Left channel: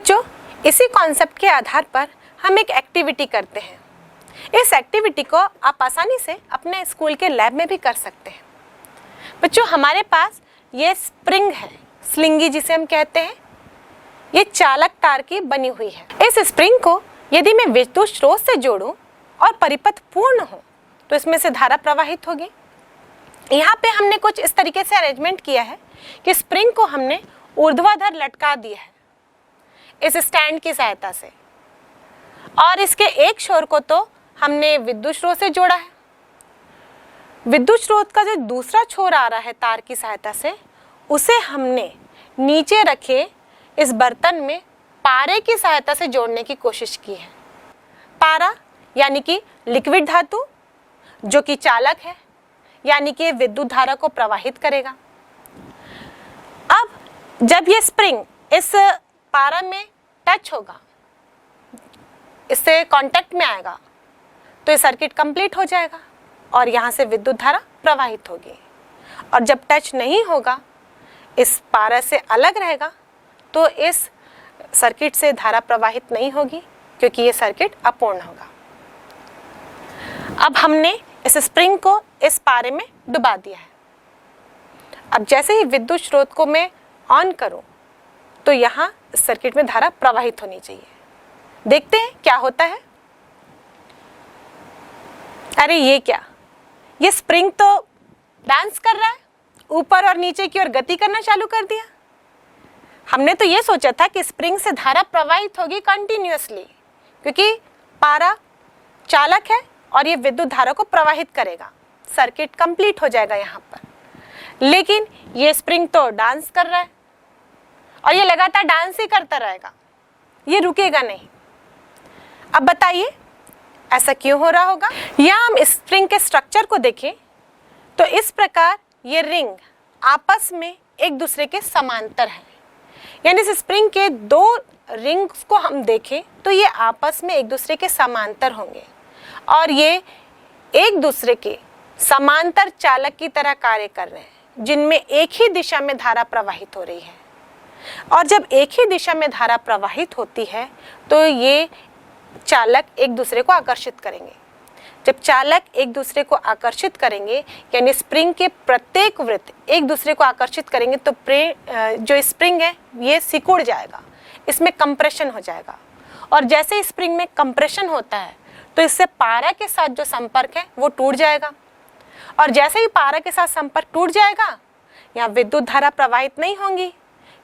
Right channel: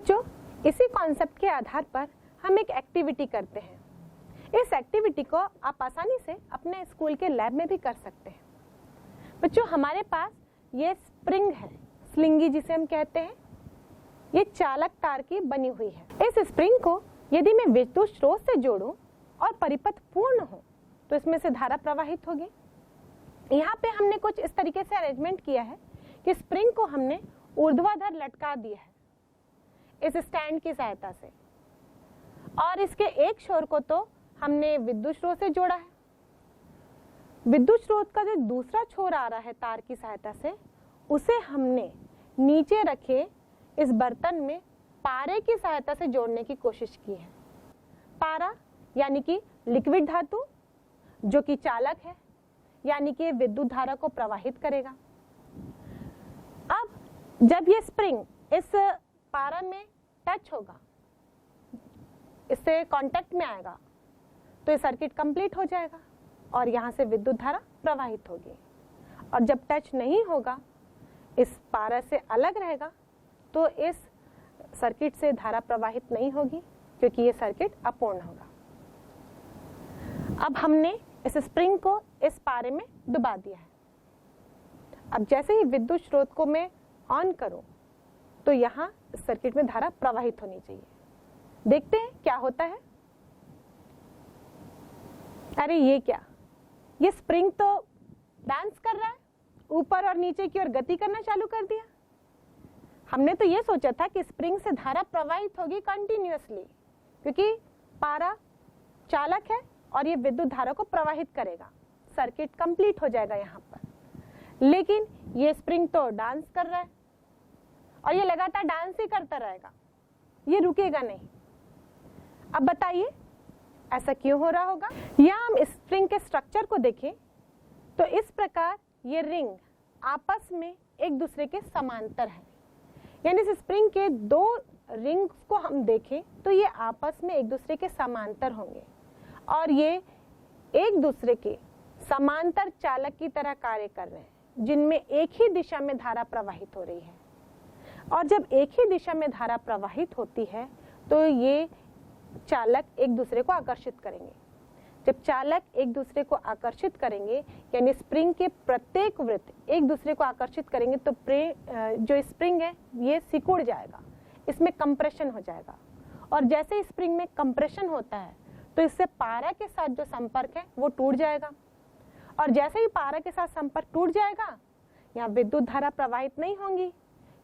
बच्चों, इसी कॉन्सेप्ट के आधार पर हम एक एक्टिविटी करते हैं। इस एक्टिविटी को आप आसानी से अपने स्कूल के लैब में भी कर सकते हैं। बच्चों, हमारे पास ये स्प्रिंग है, स्लिंगी जिसे हम कहते हैं। ये चालक तार की बनी हुई है। इस स्प्रिंग को यदि मैं विद्युत स्रोत से जोड़ूं और परिपथ पूर्ण हो तो इसमें से धारा प्रवाहित होगी। यहाँ पे हमने कुछ इस तरीके से अरेंजमेंट किया है कि स्प्रिंग को हमने ऊर्ध्वाधर लटका दिया है इस स्टैंड की सहायता से, और इसके एक छोर को तो हमने विद्युत स्रोत से जोड़ा है। विद्युत स्रोत का जो दूसरा छोर आ रहा है तार की सहायता से, उसे हमने नीचे रखे इस बर्तन में पारे की सहायता से जोड़ने की कोशिश की है। पारा यानी कि लिक्विड धातु जो कि चालक है, यानी कि विद्युत धारा को प्रवाहित करेगा। अब जब ये स्प्रिंग इस पारा में टच होगा, इससे कांटेक्ट में आएगा, तो ये सर्किट कंप्लीट हो जाएगा और यहाँ से विद्युत धारा प्रवाहित होगी। और जब टच नहीं होगा, इस पारा से अलग रहेगा, तो इस सर्किट से धारा प्रवाहित नहीं होगी क्योंकि ये सर्किट अपूर्ण होगा। अब हमने इस स्प्रिंग को इस पारे में डुबा दिया है। अब जैसे ही विद्युत स्रोत को मैं ऑन करूं तो यहाँ सर्किट में धारा प्रवाहित होनी चाहिए। देखते हैं क्या होता है। अरे ये क्या, ये स्प्रिंग तो डांस कर रहा है, ऊपर और नीचे की ओर गति करना चालू कर दिया। हमने तो ये सोचा था कि स्प्रिंग से धारा प्रवाहित होगी कंटिन्यूअसली, क्योंकि पारा चालक है और ये विद्युत धारा को प्रवाहित करेगा, सर्किट कंप्लीट हो जाएगा यहाँ पर। लेकिन ये स्प्रिंग तो डांस कर रहा है और ये लगातार डांस ही करता रहेगा, ये रुकेगा नहीं। अब बताइए ऐसा क्यों हो रहा होगा। यहाँ हम स्प्रिंग के स्ट्रक्चर को देखें तो इस प्रकार ये रिंग आपस में एक दूसरे के समांतर हैं। यानी इस स्प्रिंग के दो रिंग्स को हम देखें तो ये आपस में एक दूसरे के समांतर होंगे और ये एक दूसरे के समांतर चालक की तरह कार्य कर रहे हैं, जिनमें एक ही दिशा में धारा प्रवाहित हो रही है। और जब एक ही दिशा में धारा प्रवाहित होती है तो ये चालक एक दूसरे को आकर्षित करेंगे। जब चालक एक दूसरे को आकर्षित करेंगे, यानी स्प्रिंग के प्रत्येक वृत्त एक दूसरे को आकर्षित करेंगे, तो जो स्प्रिंग है ये सिकुड़ जाएगा, इसमें कंप्रेशन हो जाएगा। और जैसे ही स्प्रिंग में कंप्रेशन होता है तो इससे पारा के साथ जो संपर्क है वो टूट जाएगा, और जैसे ही पारा के साथ संपर्क टूट जाएगा, यहाँ विद्युत धारा प्रवाहित नहीं होंगी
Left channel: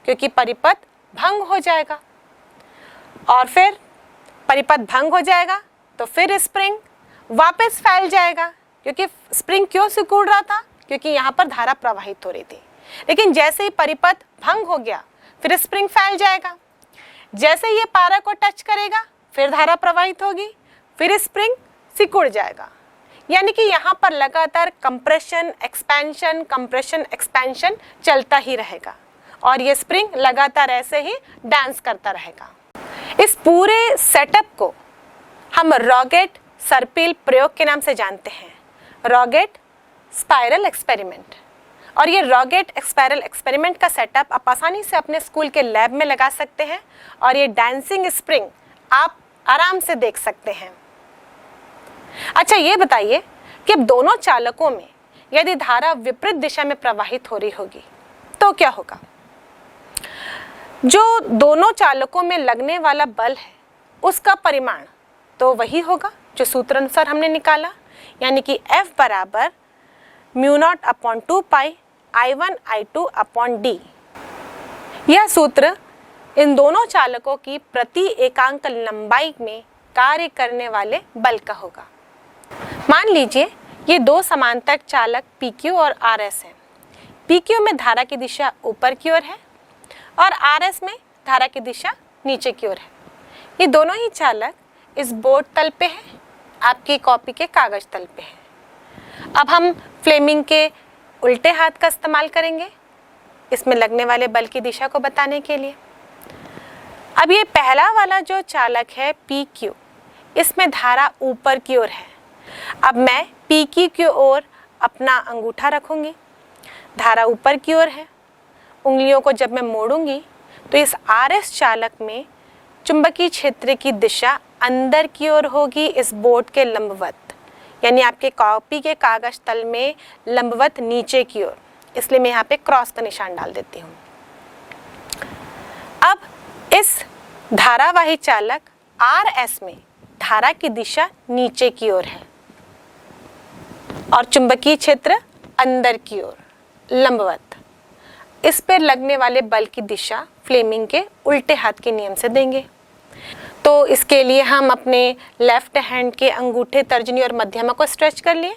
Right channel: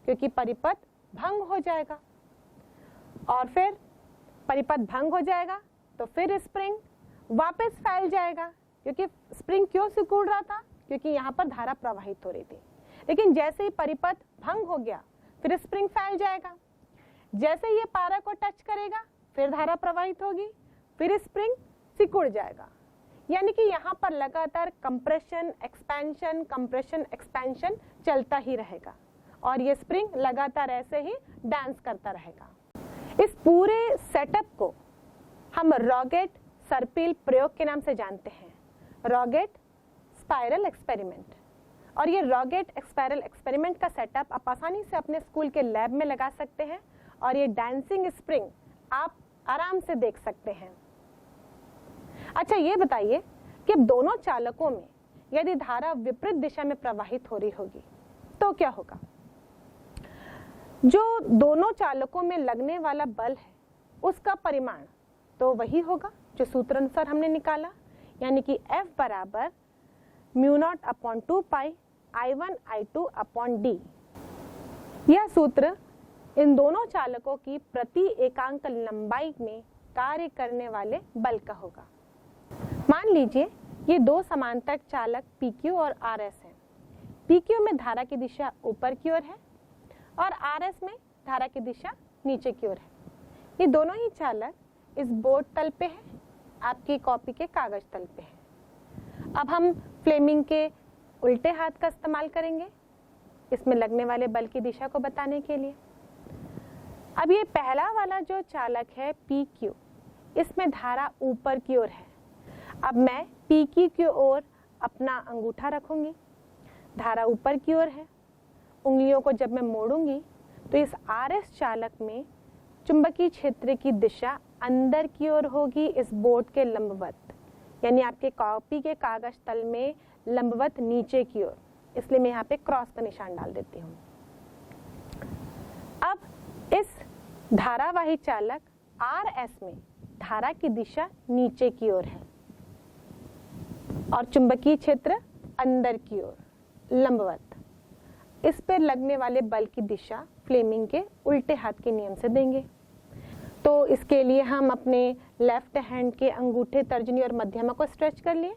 क्योंकि परिपथ भंग हो जाएगा। और फिर परिपथ भंग हो जाएगा तो फिर स्प्रिंग वापस फैल जाएगा, क्योंकि स्प्रिंग क्यों सिकुड़ रहा था, क्योंकि यहाँ पर धारा प्रवाहित हो रही थी। लेकिन जैसे ही परिपथ भंग हो गया फिर स्प्रिंग फैल जाएगा। जैसे ये पारा को टच करेगा फिर धारा प्रवाहित होगी, फिर स्प्रिंग सिकुड़ जाएगा। यानी कि यहाँ पर लगातार कंप्रेशन एक्सपेंशन चलता ही रहेगा और ये स्प्रिंग लगातार ऐसे ही डांस करता रहेगा। इस पूरे सेटअप को हम रॉगेट सर्पिल प्रयोग के नाम से जानते हैं, रॉगेट स्पाइरल एक्सपेरिमेंट। और ये रॉगेट स्पाइरल एक्सपेरिमेंट का सेटअप आप आसानी से अपने स्कूल के लैब में लगा सकते हैं और ये डांसिंग स्प्रिंग आप आराम से देख सकते हैं। अच्छा, ये बताइए कि अब दोनों चालकों में यदि धारा विपरीत दिशा में प्रवाहित हो रही होगी तो क्या होगा। जो दोनों चालकों में लगने वाला बल है उसका परिमाण तो वही होगा जो सूत्र अनुसार हमने निकाला, यानी कि F बराबर μ0/2 पाई I1I2/d। यह सूत्र इन दोनों चालकों की प्रति एकांक लंबाई में कार्य करने वाले बल का होगा। मान लीजिए ये दो समांतर चालक PQ और RS हैं। PQ में धारा की दिशा ऊपर की ओर है और RS में धारा की दिशा नीचे की ओर है। ये दोनों ही चालक इस बोर्ड तल पे है, आपकी कॉपी के कागज तल पे है। अब हम फ्लेमिंग के उल्टे हाथ का इस्तेमाल करेंगे इसमें लगने वाले बल की दिशा को बताने के लिए। अब ये पहला वाला जो चालक है PQ, इसमें धारा ऊपर की ओर है। अब मैं PQ की ओर अपना अंगूठा रखूंगी, धारा ऊपर की ओर है। उंगलियों को जब मैं मोड़ूंगी तो इस RS चालक में चुंबकीय क्षेत्र की दिशा अंदर की ओर होगी इस बोर्ड के लंबवत, यानी आपके कॉपी के कागज तल में लंबवत नीचे की ओर, इसलिए मैं यहाँ पे क्रॉस का निशान डाल देती हूँ। अब इस धारावाही चालक RS में धारा की दिशा नीचे की ओर है और चुंबकीय क्षेत्र अंदर की ओर लंबवत। इस पर लगने वाले बल की दिशा फ्लेमिंग के उल्टे हाथ के नियम से देंगे। तो इसके लिए हम अपने लेफ्ट हैंड के अंगूठे, तर्जनी और मध्यमा को स्ट्रेच कर लिए।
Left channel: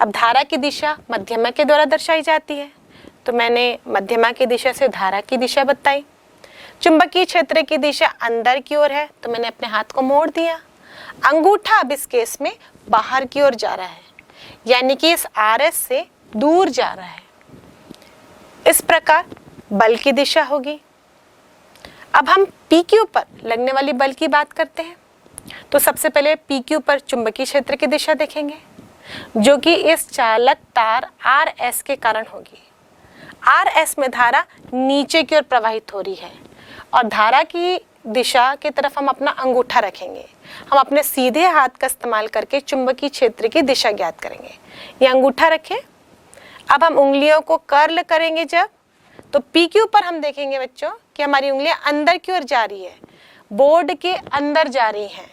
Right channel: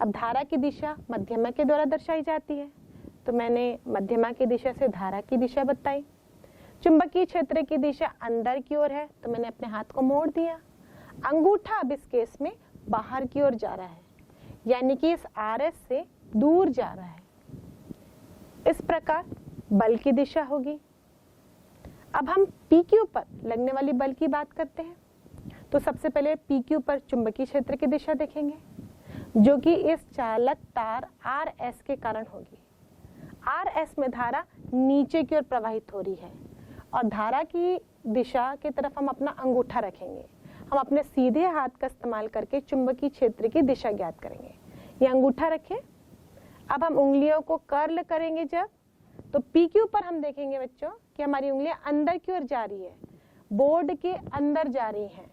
अब धारा की दिशा मध्यमा के द्वारा दर्शाई जाती है, तो मैंने मध्यमा की दिशा से धारा की दिशा बताई। चुंबकीय क्षेत्र की दिशा अंदर की ओर है, तो मैंने अपने हाथ को मोड़ दिया। अंगूठा अब इस केस में बाहर की ओर जा रहा है, यानी कि इस RS से दूर जा रहा है। इस प्रकार बल की दिशा होगी। अब हम PQ पर लगने वाली बल की बात करते हैं। तो सबसे पहले PQ पर चुंबकीय क्षेत्र की दिशा देखेंगे, जो कि इस चालक तार RS के कारण होगी। RS में धारा नीचे की ओर प्रवाहित हो रही है और धारा की दिशा की तरफ हम अपना अंगूठा रखेंगे। हम अपने सीधे हाथ का इस्तेमाल करके चुंबकीय क्षेत्र की दिशा ज्ञात करेंगे। ये अंगूठा रखें। अब हम उंगलियों को कर्ल करेंगे जब, तो PQ पर हम देखेंगे बच्चों कि हमारी उंगलियां अंदर की ओर जा रही है, बोर्ड के अंदर जा रही हैं,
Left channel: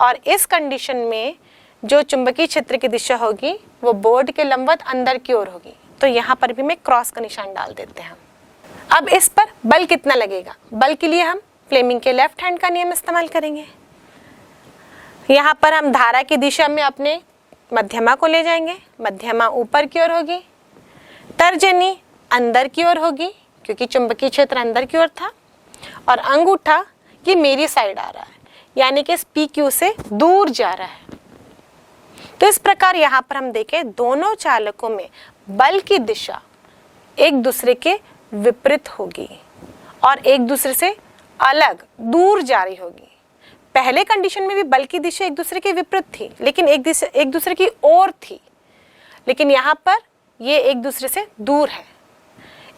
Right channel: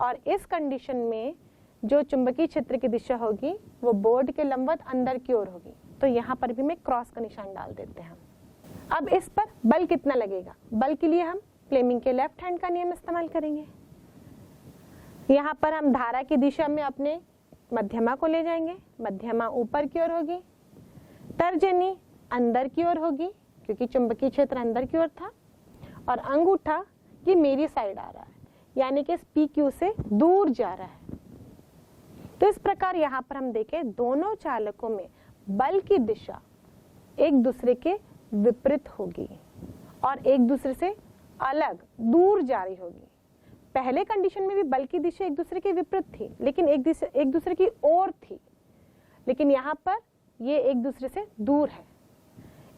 और इस कंडीशन में जो चुंबकीय क्षेत्र की दिशा होगी वो बोर्ड के लंबवत अंदर की ओर होगी। तो यहाँ पर भी मैं क्रॉस का निशान डाल देते हैं। अब इस पर बल कितना लगेगा? बल के लिए हम फ्लेमिंग के लेफ्ट हैंड का नियम इस्तेमाल करेंगे। यहाँ पर हम धारा की दिशा में अपने मध्यमा को ले जाएंगे। मध्यमा ऊपर की ओर होगी, तर्जनी अंदर की ओर होगी क्योंकि चुंबकीय क्षेत्र अंदर की ओर था, और अंगूठा ये मेरी साइड आ रहा है, यानी कि इस PQ से दूर जा रहा है। तो इस प्रकार यहाँ पर हम देखें दोनों चालकों में बल की दिशा एक दूसरे के विपरीत होगी और एक दूसरे से अलग दूर जा रही होगी। पहले कंडीशन में भी बल की दिशा एक दूसरे के विपरीत थी, लेकिन एक दूसरे की ओर थी, लेकिन यहाँ पर ये एक दूसरे से दूर है।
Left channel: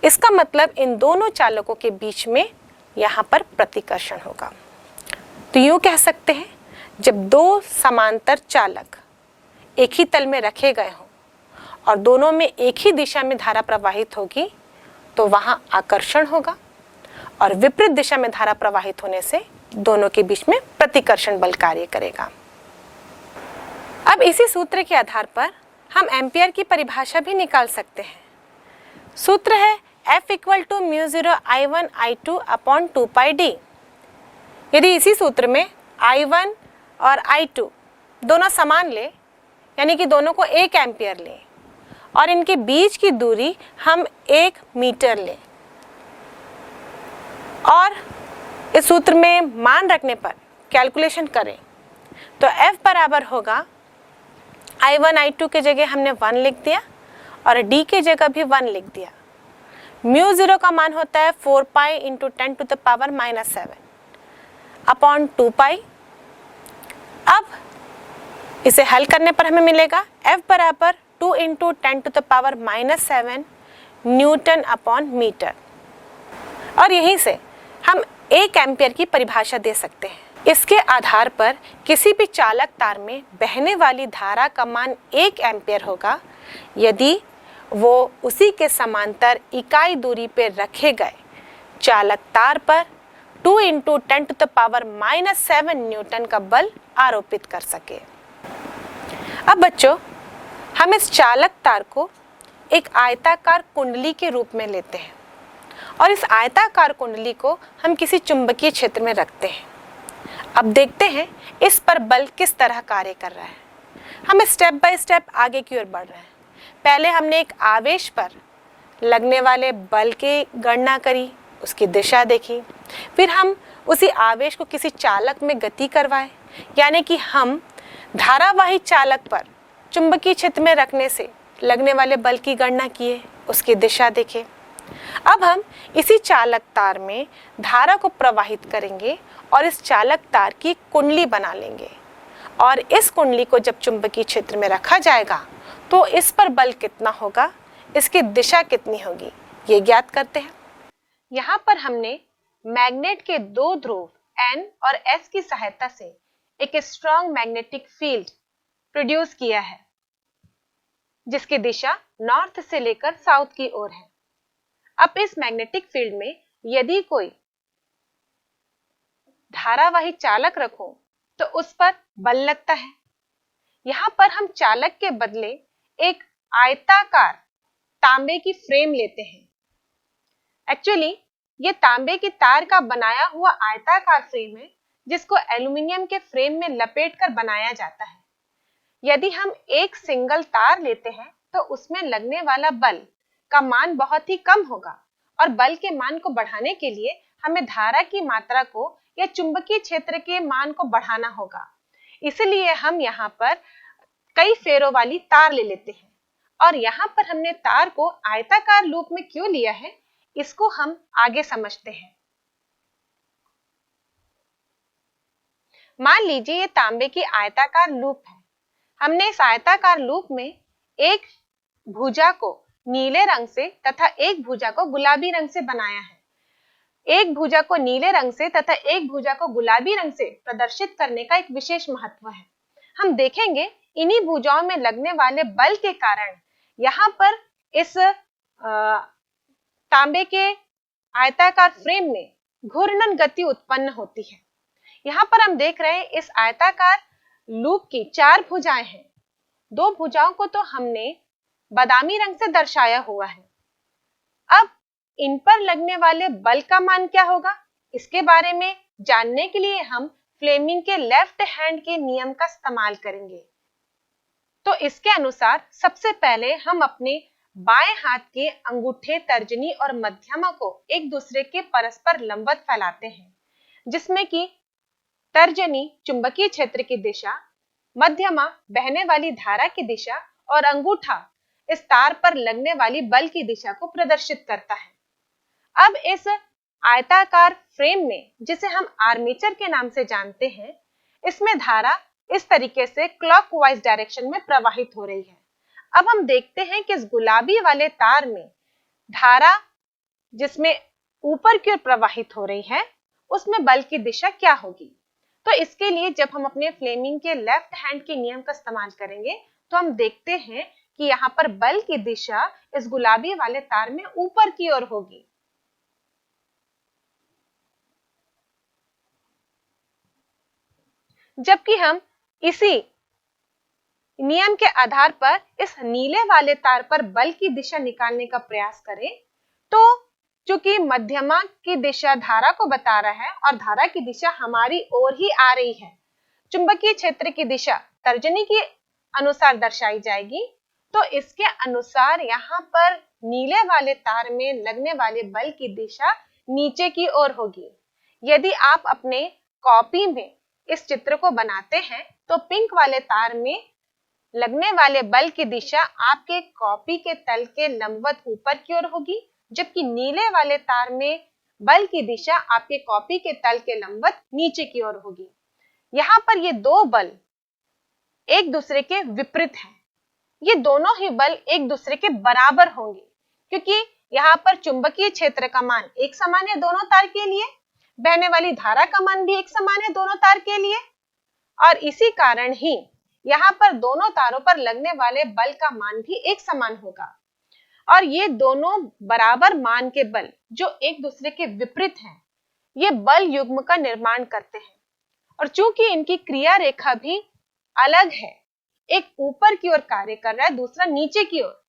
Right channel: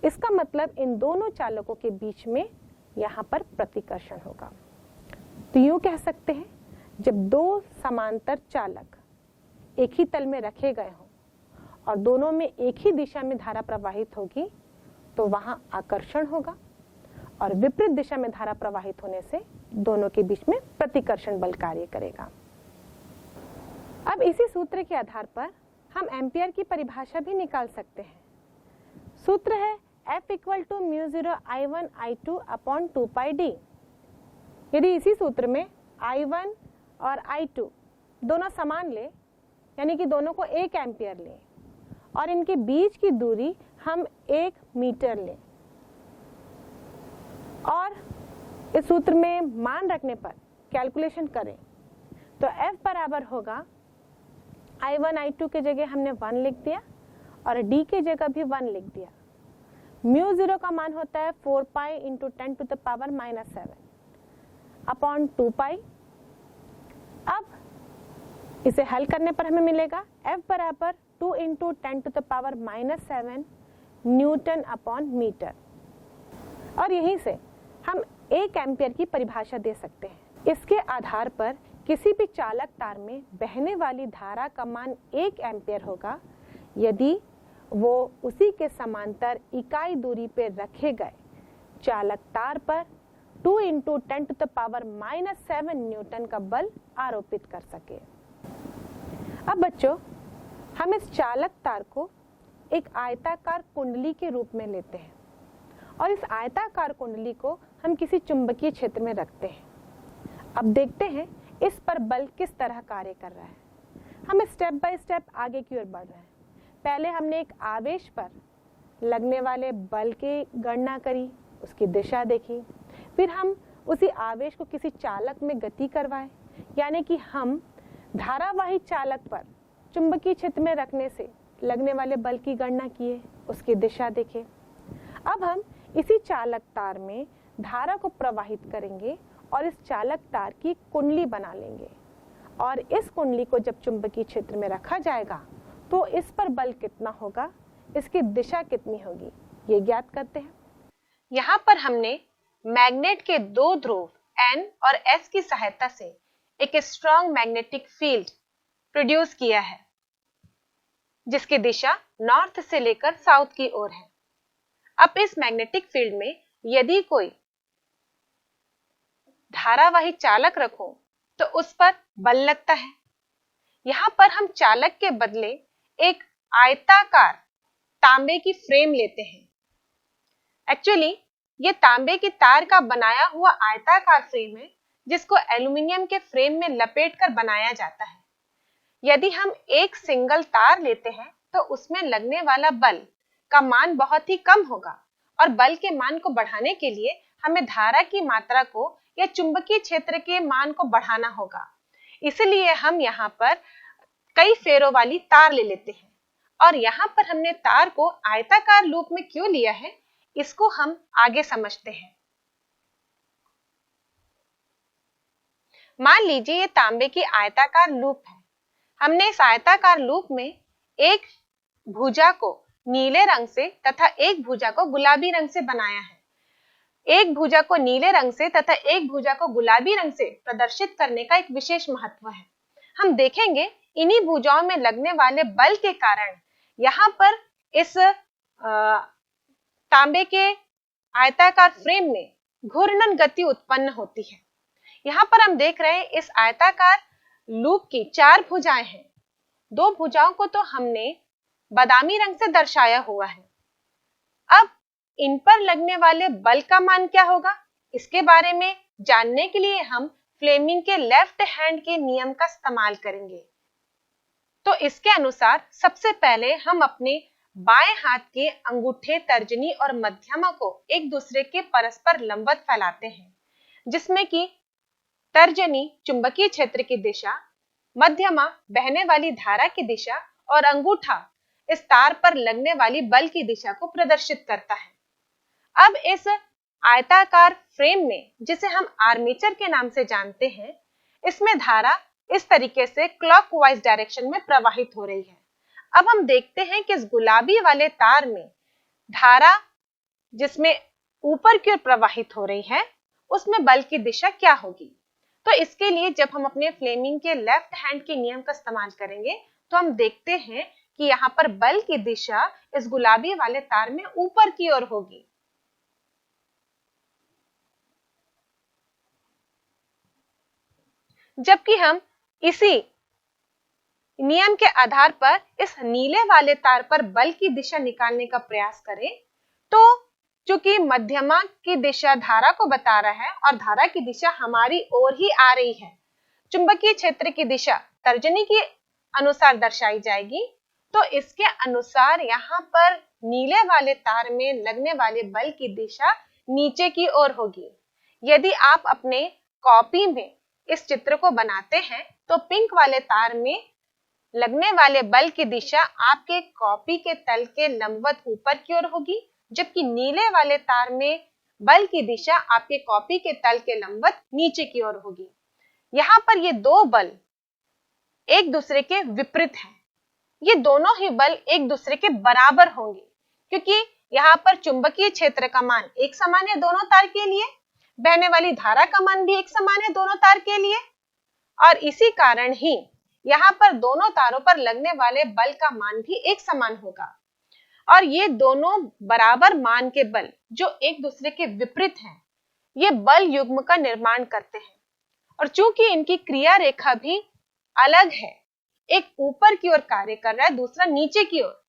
इसका मतलब इन दोनों चालकों के बीच में यहाँ पर प्रतिकर्षण होगा। तो यूँ कह सकते हैं, जब दो समांतर चालक एक ही तल में रखे गए हों और दोनों में एक ही दिशा में धारा प्रवाहित होगी, तो वहाँ आकर्षण होगा, और विपरीत दिशा में धारा प्रवाहित होने से दोनों के बीच में प्रतिकर्षण बल कार्य करेगा। अब इसी सूत्र के आधार पर हम एम्पियर की परिभाषा भी निकाल सकते हैं। सूत्र है F = μ0 I1 I2 upon 2πd। यदि इसी सूत्र में I1 और I2 दोनों समान ले, यानी कि दोनों को 1 एम्पियर लें और इनके बीच की दूरी हम 1 मीटर लें, और इस सूत्र में मान रखने पर कैलकुलेशन करें, तो F बराबर होगा I1 I2 के जगह हमने 1 लिख दिया और D के जगह भी 1 लिख दिया। μ0 का मान होता है 4 पाई इंटू 10⁻⁻7 अपॉन 2 पाई। अब इसे हल करने पर हमें मिलेगा F बराबर 2 इंटू 10⁻⁻7 न्यूटन अपॉन मीटर, और यहीं से हम 1 एम्पियर की परिभाषा दे सकते हैं। इसके आधार पर किसी भी चालक तार में बहने वाली धारा का मान 1 एम्पियर होगा यदि वो उसी के समांतर इकाई दूरी पर रखे गए चालक तार पर 2 इंटू 10⁻⁻7 न्यूटन का बल आरोपित कर सके। अब बच्चों, हम इस चालक तार को एक आयताकार कुंडली के रूप में लेते हैं और इस आयताकार कुंडली को हम किसी चुंबकीय क्षेत्र में रखते हैं। अब देखते हैं इस पर बल किस तरह कार्य कर रहा है। हम स्टेप बाय स्टेप आगे की ओर बढ़ रहे हैं। पहले हमने एक आवेश पर लगने वाले बल की गणना करी, उसकी दिशा देखी, फिर हम उसी आवेश को किसी चालक में गति करवाए, यानी कि हम धारावाही चालक पर चुंबकीय क्षेत्र में रखने से लगने वाले बल की गणना किए, उसकी दिशा देखे। अब हम इसी चालक तार में धारा को प्रवाहित करेंगे और इस चालक तार की कुंडली बना लेंगे, और इस कुंडली को जब चुंबकीय क्षेत्र में रखा जाएगा तो इस पर बल कितना होगा, इसकी दिशा कितनी होगी, ये ज्ञात करते हैं। यहाँ पर हमने मैग्नेट के 2 ध्रुव N और S की सहायता से एक स्ट्रॉन्ग मैग्नेटिक फील्ड प्रोड्यूस किया है जिसकी दिशा नॉर्थ से लेकर साउथ की ओर है। अब इस मैग्नेटिक फील्ड में यदि कोई धारावाही चालक रखो तो उस पर बल लगता है। यहां पर हम चालक के बदले एक आयताकार तांबे की फ्रेम लेते हैं। एक्चुअली ये तांबे की तार का बनाया हुआ आयताकार फ्रेम है जिसको एल्यूमिनियम के फ्रेम में लपेटकर बनाया जाता है। यदि हम एक सिंगल तार लेते हैं तो उसमें लगने वाला बल का मान बहुत ही कम होगा और बल के मान को बढ़ाने के लिए हमें धारा की मात्रा को या चुंबकीय क्षेत्र के मान को बढ़ाना होगा। इसलिए हम यहाँ पर कई फेरों वाली तार ले लेते हैं और यहाँ पर हमने तार को आयताकार लूप में क्यों लिया है इसको हम आगे समझते हैं। मान लीजिए ये तांबे की आयताकार लूप है। हमने इस आयताकार लूप में एक भुजा को नीले रंग से तथा एक भुजा को गुलाबी रंग से बनाया है। एक भुजा को नीले रंग से तथा एक भुजा को गुलाबी रंग से प्रदर्शित करने का एक विशेष महत्व है। हम देखेंगे इन्हीं भुजाओं में लगने वाले बल के कारण यहाँ पर इस तांबे के आयताकार फ्रेम में घूर्णन गति उत्पन्न होती है। यहाँ पर हम देख रहे हैं इस आयताकार लूप की 4 भुजाएं हैं। 2 भुजाओं को तो हमने बादामी रंग से दर्शाया हुआ है। अब इन पर लगने वाले बल का मान क्या होगा इसके बारे में जानने के लिए हम फ्लेमिंग के लेफ्ट हैंड के नियम का इस्तेमाल करेंगे। तो इसके अनुसार सबसे पहले हम अपने बाएं हाथ के अंगूठे, तर्जनी और मध्यमा को एक दूसरे के परस्पर लंबवत फैलाते हैं, जिसमें कि तर्जनी चुंबकीय क्षेत्र की दिशा, मध्यमा बहने वाली धारा की दिशा और अंगूठा इस तार पर लगने वाली बल की दिशा को प्रदर्शित करता है। अब इस आयताकार फ्रेम में, जिसे हम आर्मेचर के नाम से जानते हैं, इसमें धारा इस तरीके से क्लॉकवाइज डायरेक्शन में प्रवाहित हो रही है। अब हम देखते हैं कि इस गुलाबी वाले तार में धारा जिसमें ऊपर की ओर प्रवाहित हो रही है उसमें बल की दिशा क्या होगी। तो इसके लिए जब हम अपने फ्लेमिंग के लेफ्ट हैंड के नियम का इस्तेमाल करेंगे तो हम देखते हैं कि यहाँ पर बल की दिशा इस गुलाबी वाले तार में ऊपर की ओर होगी। जबकि हम इसी नियम के आधार पर इस नीले वाले तार पर बल की दिशा निकालने का प्रयास करें तो चूंकि मध्यमा की दिशा धारा को बता रहा है और धारा की दिशा हमारी ओर ही आ रही है, चुंबकीय क्षेत्र की दिशा तर्जनी के अनुसार दर्शाई जाएगी। तो इसके अनुसार यहाँ पर नीले वाले तार में लगने वाले बल की दिशा नीचे की ओर होगी। यदि आप अपने कॉपी में इस चित्र को बनाते हैं तो पिंक वाले तार में लगने वाले बल की दिशा आपके कॉपी के तल के लंबवत ऊपर की ओर होगी, जबकि नीले वाले तार में बल की दिशा आपके कॉपी के तल के लंबवत नीचे की ओर होगी। यहाँ पर ये 2 बल एक दूसरे के विपरीत हैं। ये दोनों ही बल एक दूसरे के बराबर होंगे क्योंकि यहाँ पर चुंबकीय क्षेत्र का मान एक समान है दोनों तार के लिए, बहने वाली धारा का मान भी एक समान है दोनों तार के लिए, और इसी कारण ही यहाँ पर दोनों तारों पर लगने वाले बल का मान भी एक समान होगा। और ये दोनों बराबर मान के बल जो एक दूसरे के विपरीत हैं, ये बल युग्म का निर्माण करते हैं। और चूंकि इनकी क्रिया रेखा भी अलग है, एक ऊपर की ओर कार्य कर रहा है, दूसरा नीचे की ओर,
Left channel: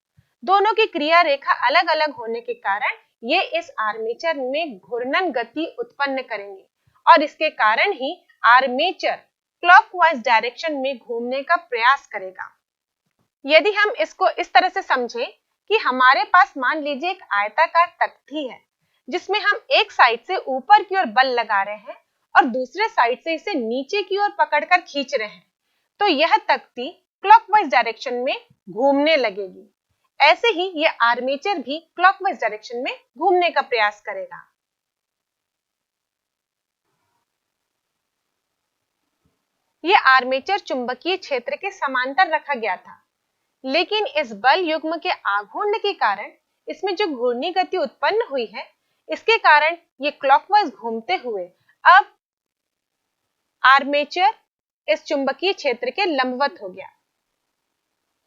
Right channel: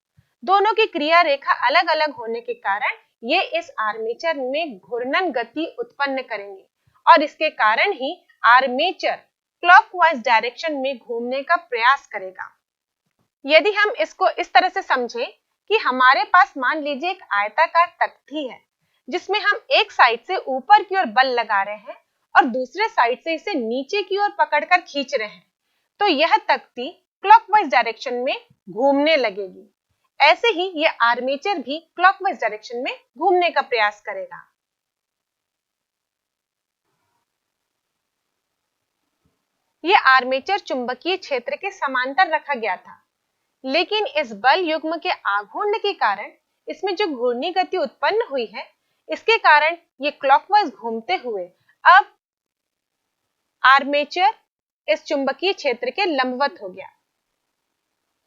दोनों की क्रिया रेखा अलग अलग होने के कारण ये इस आर्मेचर में घूर्णन गति उत्पन्न करेंगे और इसके कारण ही आर्मेचर क्लॉकवाइज डायरेक्शन में घूमने का प्रयास करेगा। यदि हम इसको इस तरह से समझें कि हमारे पास मान लीजिए एक आयताकार तख्ती है जिसमें हम एक साइड से ऊपर की ओर बल लगा रहे हैं और दूसरे साइड से इसे नीचे की ओर पकड़कर खींच रहे हैं, तो यह तख्ती क्लॉकवाइज डायरेक्शन में घूमने लगेगी। ऐसे ही यह आर्मेचर भी क्लॉकवाइज डायरेक्शन में घूमने का प्रयास करेगा। यह आर्मेचर चुंबकीय क्षेत्र के समांतर रखा गया था, लेकिन इस बल युग्म के आघूर्ण के कारण इसमें जो घूर्णी गति उत्पन्न हुई है, इसके कारण ये क्लॉकवाइज घूमते हुए अब आर्मेचर इस चुंबकीय क्षेत्र के लंबवत हो गया।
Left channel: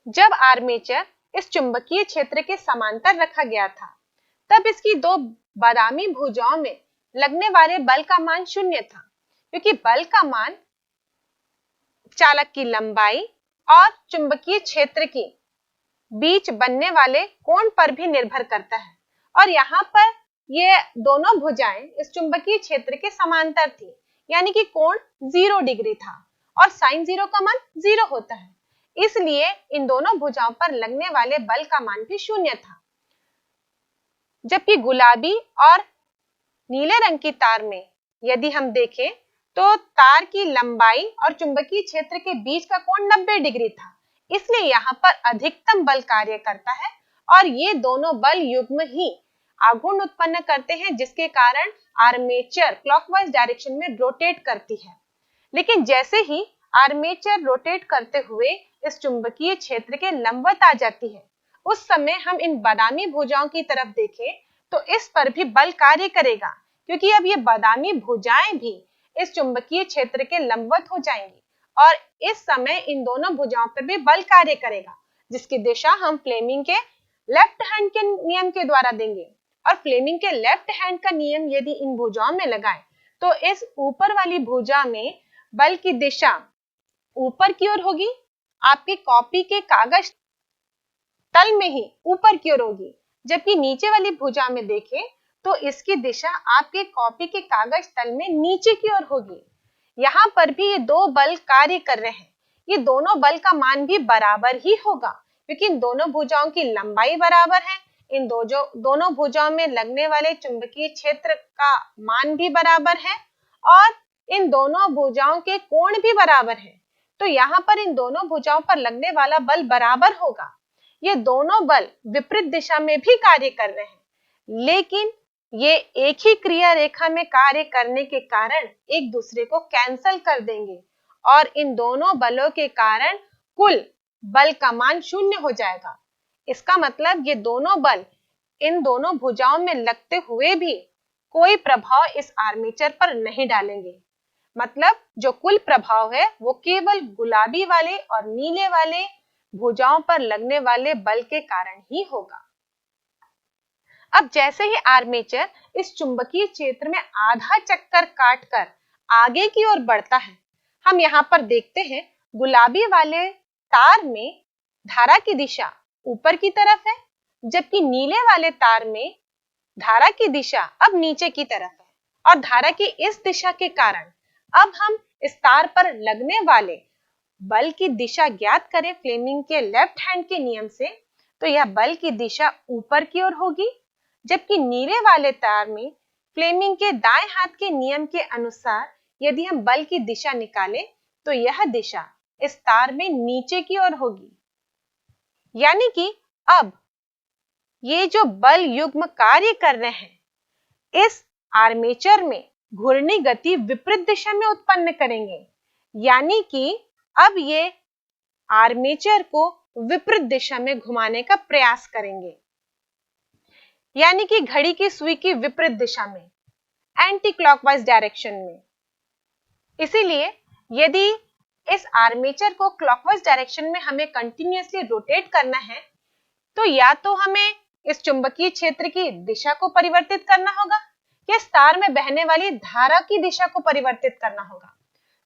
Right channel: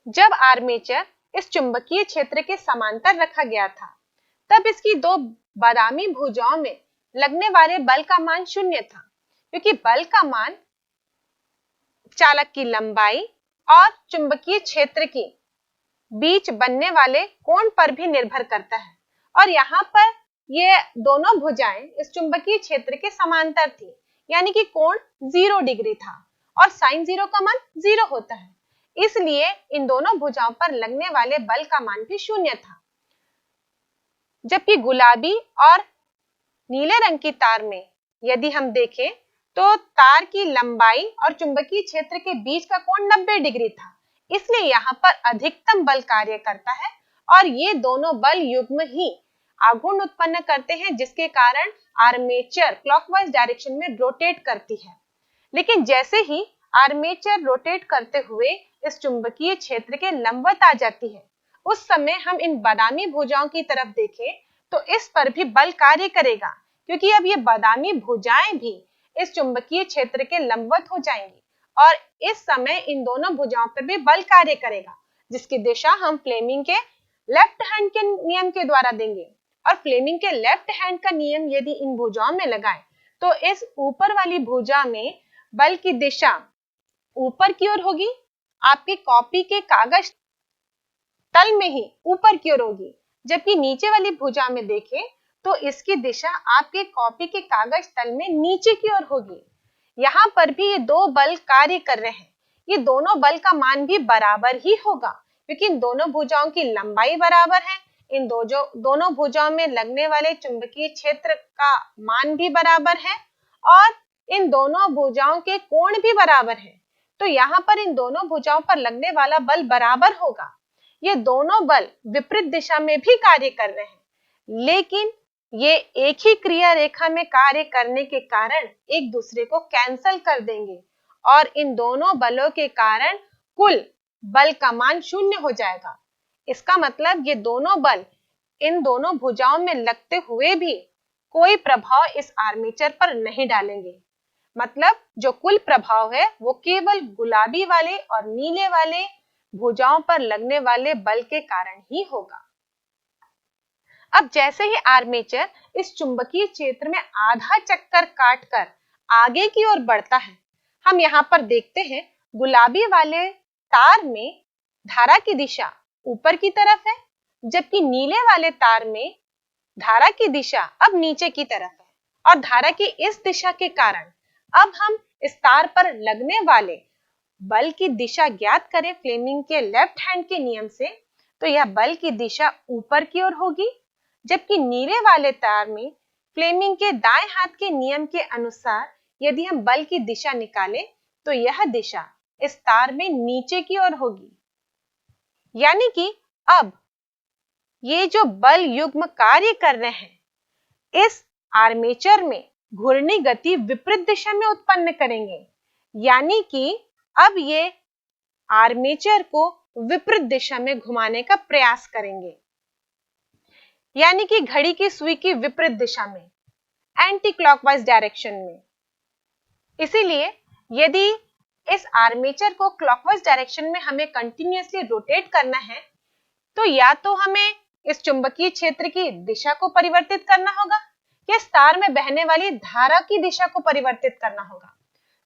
जब आर्मेचर इस चुंबकीय क्षेत्र के समांतर रखा गया था, तब इसकी दो बादामी भुजाओं में लगने वाले बल का मान शून्य था, क्योंकि बल का मान चालक की लंबाई और चुंबकीय क्षेत्र के बीच बनने वाले कोण पर भी निर्भर करता है। और यहाँ पर ये दोनों भुजाएं इस चुंबकीय क्षेत्र के समांतर थी, यानी कि कोण 0 डिग्री था और साइन 0 का मान 0 होता है। इसलिए इन दोनों भुजाओं पर लगने वाले बल का मान भी शून्य था। जबकि गुलाबी और नीले रंग की तार में यदि हम देखें तो तार की लंबाई और चुंबकीय क्षेत्र के बीच का कोण 90 डिग्री था, इसलिए यहाँ पर अधिकतम बल कार्य करता है और ये दोनों बल युग्म ही आघूर्ण उत्पन्न करते हैं, जिसके कारण आर्मेचर क्लॉकवाइज डायरेक्शन में रोटेट करती है। लेकिन जैसे ही आर्मेचर रोटेट करते हुए इस चुंबकीय क्षेत्र के लंबवत आ जाती है, उस समय हम इन बादामी भुजाओं की तरफ देखें तो इस पर भी बल कार्य करेगा, क्योंकि अब ये बादामी भुजाएं भी इस चुंबकीय क्षेत्र के लंबवत हो जाएंगी और इस समय इन दोनों भुजाओं पर भी बल कार्य करेगा, जिसकी दिशा हम फ्लेमिंग के लेफ्ट हैंड के नियम के द्वारा देंगे। और फ्लेमिंग के लेफ्ट हैंड का नियम यदि इन भुजाओं में लगाएं तो इस ऊपर वाली भुजा में बल की दिशा ऊपर की ओर होगी, आपकी कॉपी के कागज तल में ही ऊपर की ओर होगी। जबकि नीचे वाली भुजा में देखें तो इसकी दिशा आपके कॉपी के कागज तल में नीचे की ओर होगी। यहाँ पर भी ये दो बल कार्य कर रहे हैं। ये दोनों बल का मान भी बराबर ही होगा, क्योंकि इन दोनों भुजाओं की लंबाई बराबर है। इन दोनों भुजाओं में लगने वाले चुंबकीय क्षेत्र का मान भी बराबर है और इन दोनों भुजाओं के कोण भी बराबर है। तो यहाँ पर इन दोनों भुजाओं पर लगने वाला बल बराबर होगा। ये दोनों बल विपरीत दिशा में भी कार्य कर रहे हैं, लेकिन ये एक ही क्रिया रेखा में कार्य करने के कारण एक दूसरे को कैंसल कर देंगे और इन दोनों बलों के कारण कुल बल का मान शून्य हो जाएगा। इसका मतलब ये दोनों बल इन दोनों भुजाओं में लगते हुए भी कोई प्रभाव इस आर्मेचर पर नहीं डालेंगे। मतलब जो कुल प्रभाव है वो केवल गुलाबी वाले और नीले वाले भुजाओं पर लगने वाले बल के कारण ही होगा। अब जैसे ही आर्मेचर इस चुंबकीय क्षेत्र में आधा चक्कर काटकर आगे की ओर बढ़ता है, हम यहाँ पर देखते हैं गुलाबी वाले तार में धारा की दिशा ऊपर की तरफ है, जबकि नीले वाले तार में धारा की दिशा अब नीचे की तरफ है। और धारा की इस दिशा के कारण अब हम इस तार पर लगने वाले बल की दिशा ज्ञात करें फ्लेमिंग के लेफ्ट हैंड के नियम से, तो यह बल की दिशा ऊपर की ओर होगी, जबकि नीले वाले तार में फ्लेमिंग के दाएं हाथ के नियम के अनुसार यदि हम बल की दिशा निकालें तो यह दिशा इस तार में नीचे की ओर होगी। यानी कि अब ये जो बल युग्म कार्य कर रहे हैं इस आर्मेचर में घूर्णी गति विपरीत दिशा में उत्पन्न करेंगे, यानी कि अब ये आर्मेचर को विपरीत दिशा में घुमाने का प्रयास करेंगे, यानी कि घड़ी की सुई की विपरीत दिशा में, एंटी क्लॉकवाइज डायरेक्शन में। इसीलिए यदि इस आर्मेचर को क्लॉकवाइज डायरेक्शन में हमें कंटिन्यूअसली रोटेट करना है तो या तो हमें इस चुंबकीय क्षेत्र की दिशा को परिवर्तित करना होगा या इस तार में बहने वाली धारा की दिशा को परिवर्तित करना होगा।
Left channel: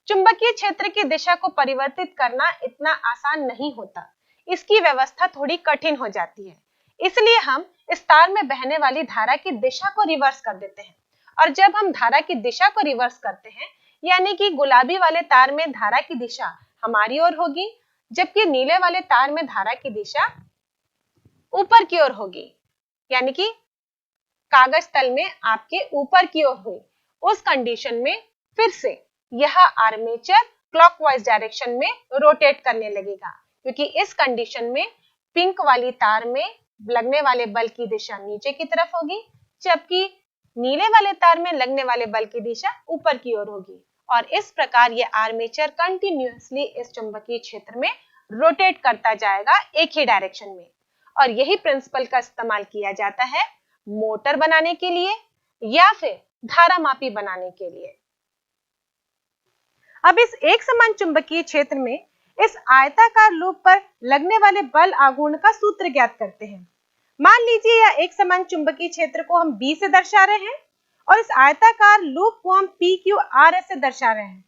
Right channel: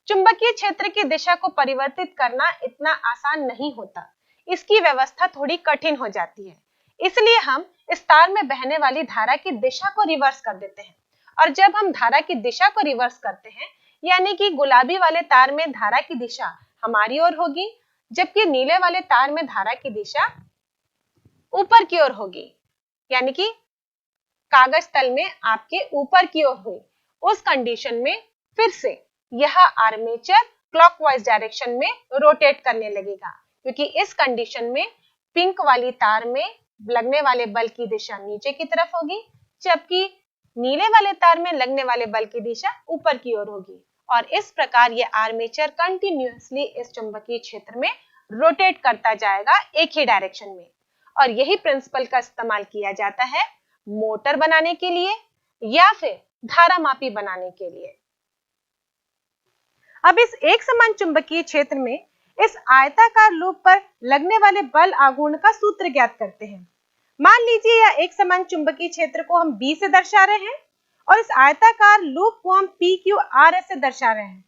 चुंबकीय क्षेत्र की दिशा को परिवर्तित करना इतना आसान नहीं होता, इसकी व्यवस्था थोड़ी कठिन हो जाती है। इसलिए हम इस तार में बहने वाली धारा की दिशा को रिवर्स कर देते हैं। और जब हम धारा की दिशा को रिवर्स करते हैं, यानी कि गुलाबी वाले तार में धारा की दिशा हमारी ओर होगी, जबकि नीले वाले तार में धारा की दिशा ऊपर की ओर होगी, यानी कि कागज तल में आपके ऊपर की ओर हुई। उस कंडीशन में फिर से यह आर्मेचर क्लॉकवाइज डायरेक्शन में रोटेट करने लगेगा, क्योंकि इस कंडीशन में पिंक वाली तार में लगने वाले बल की दिशा नीचे की तरफ होगी, जबकि नीले वाले तार में लगने वाले बल की दिशा ऊपर की ओर होगी। और इस प्रकार ये आर्मेचर कंटिन्यूअसली इस चुंबकीय क्षेत्र में रोटेट करता जाएगा एक ही डायरेक्शन में। और यही प्रिंसिपल का इस्तेमाल किया जाता है मोटर बनाने के लिए या फिर धारा मापी बनाने के लिए। अब इस एक समान चुंबकीय क्षेत्र में इस आयताकार लूप पर लगने वाले बल आघूर्ण का सूत्र ज्ञात करते हैं। मान लीजिए यह एक समान चुंबकीय क्षेत्र को हम B से दर्शा रहे हैं और इस आयताकार लूप को हम PQRS से दर्शा रहे हैं।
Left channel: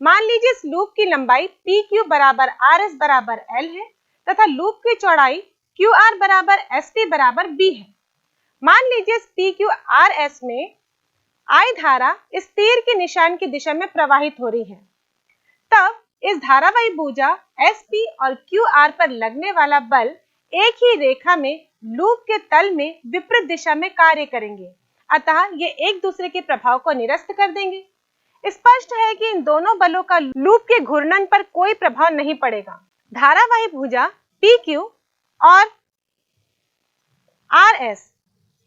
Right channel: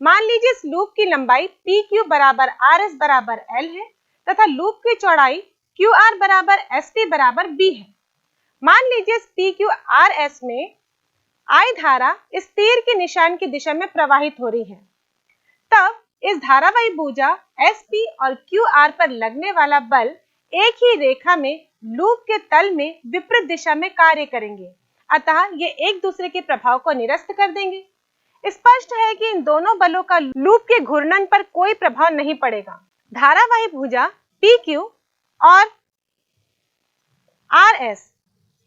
मान लीजिए इस लूप की लंबाई PQ बराबर RS बराबर L है तथा लूप की चौड़ाई QR बराबर SP बराबर B है। मान लीजिए इस PQRS में I धारा इस तीर के निशान की दिशा में प्रवाहित हो रही है। तब इस धारावाही भुजा SP और QR पर लगने वाला बल एक ही रेखा में लूप के तल में विपरीत दिशा में कार्य करेंगे, अतः ये एक दूसरे के प्रभाव को निरस्त कर देंगे। स्पष्ट है कि इन दोनों बलों का लूप के घूर्णन पर कोई प्रभाव नहीं पड़ेगा। धारावाही भुजा PQ और RS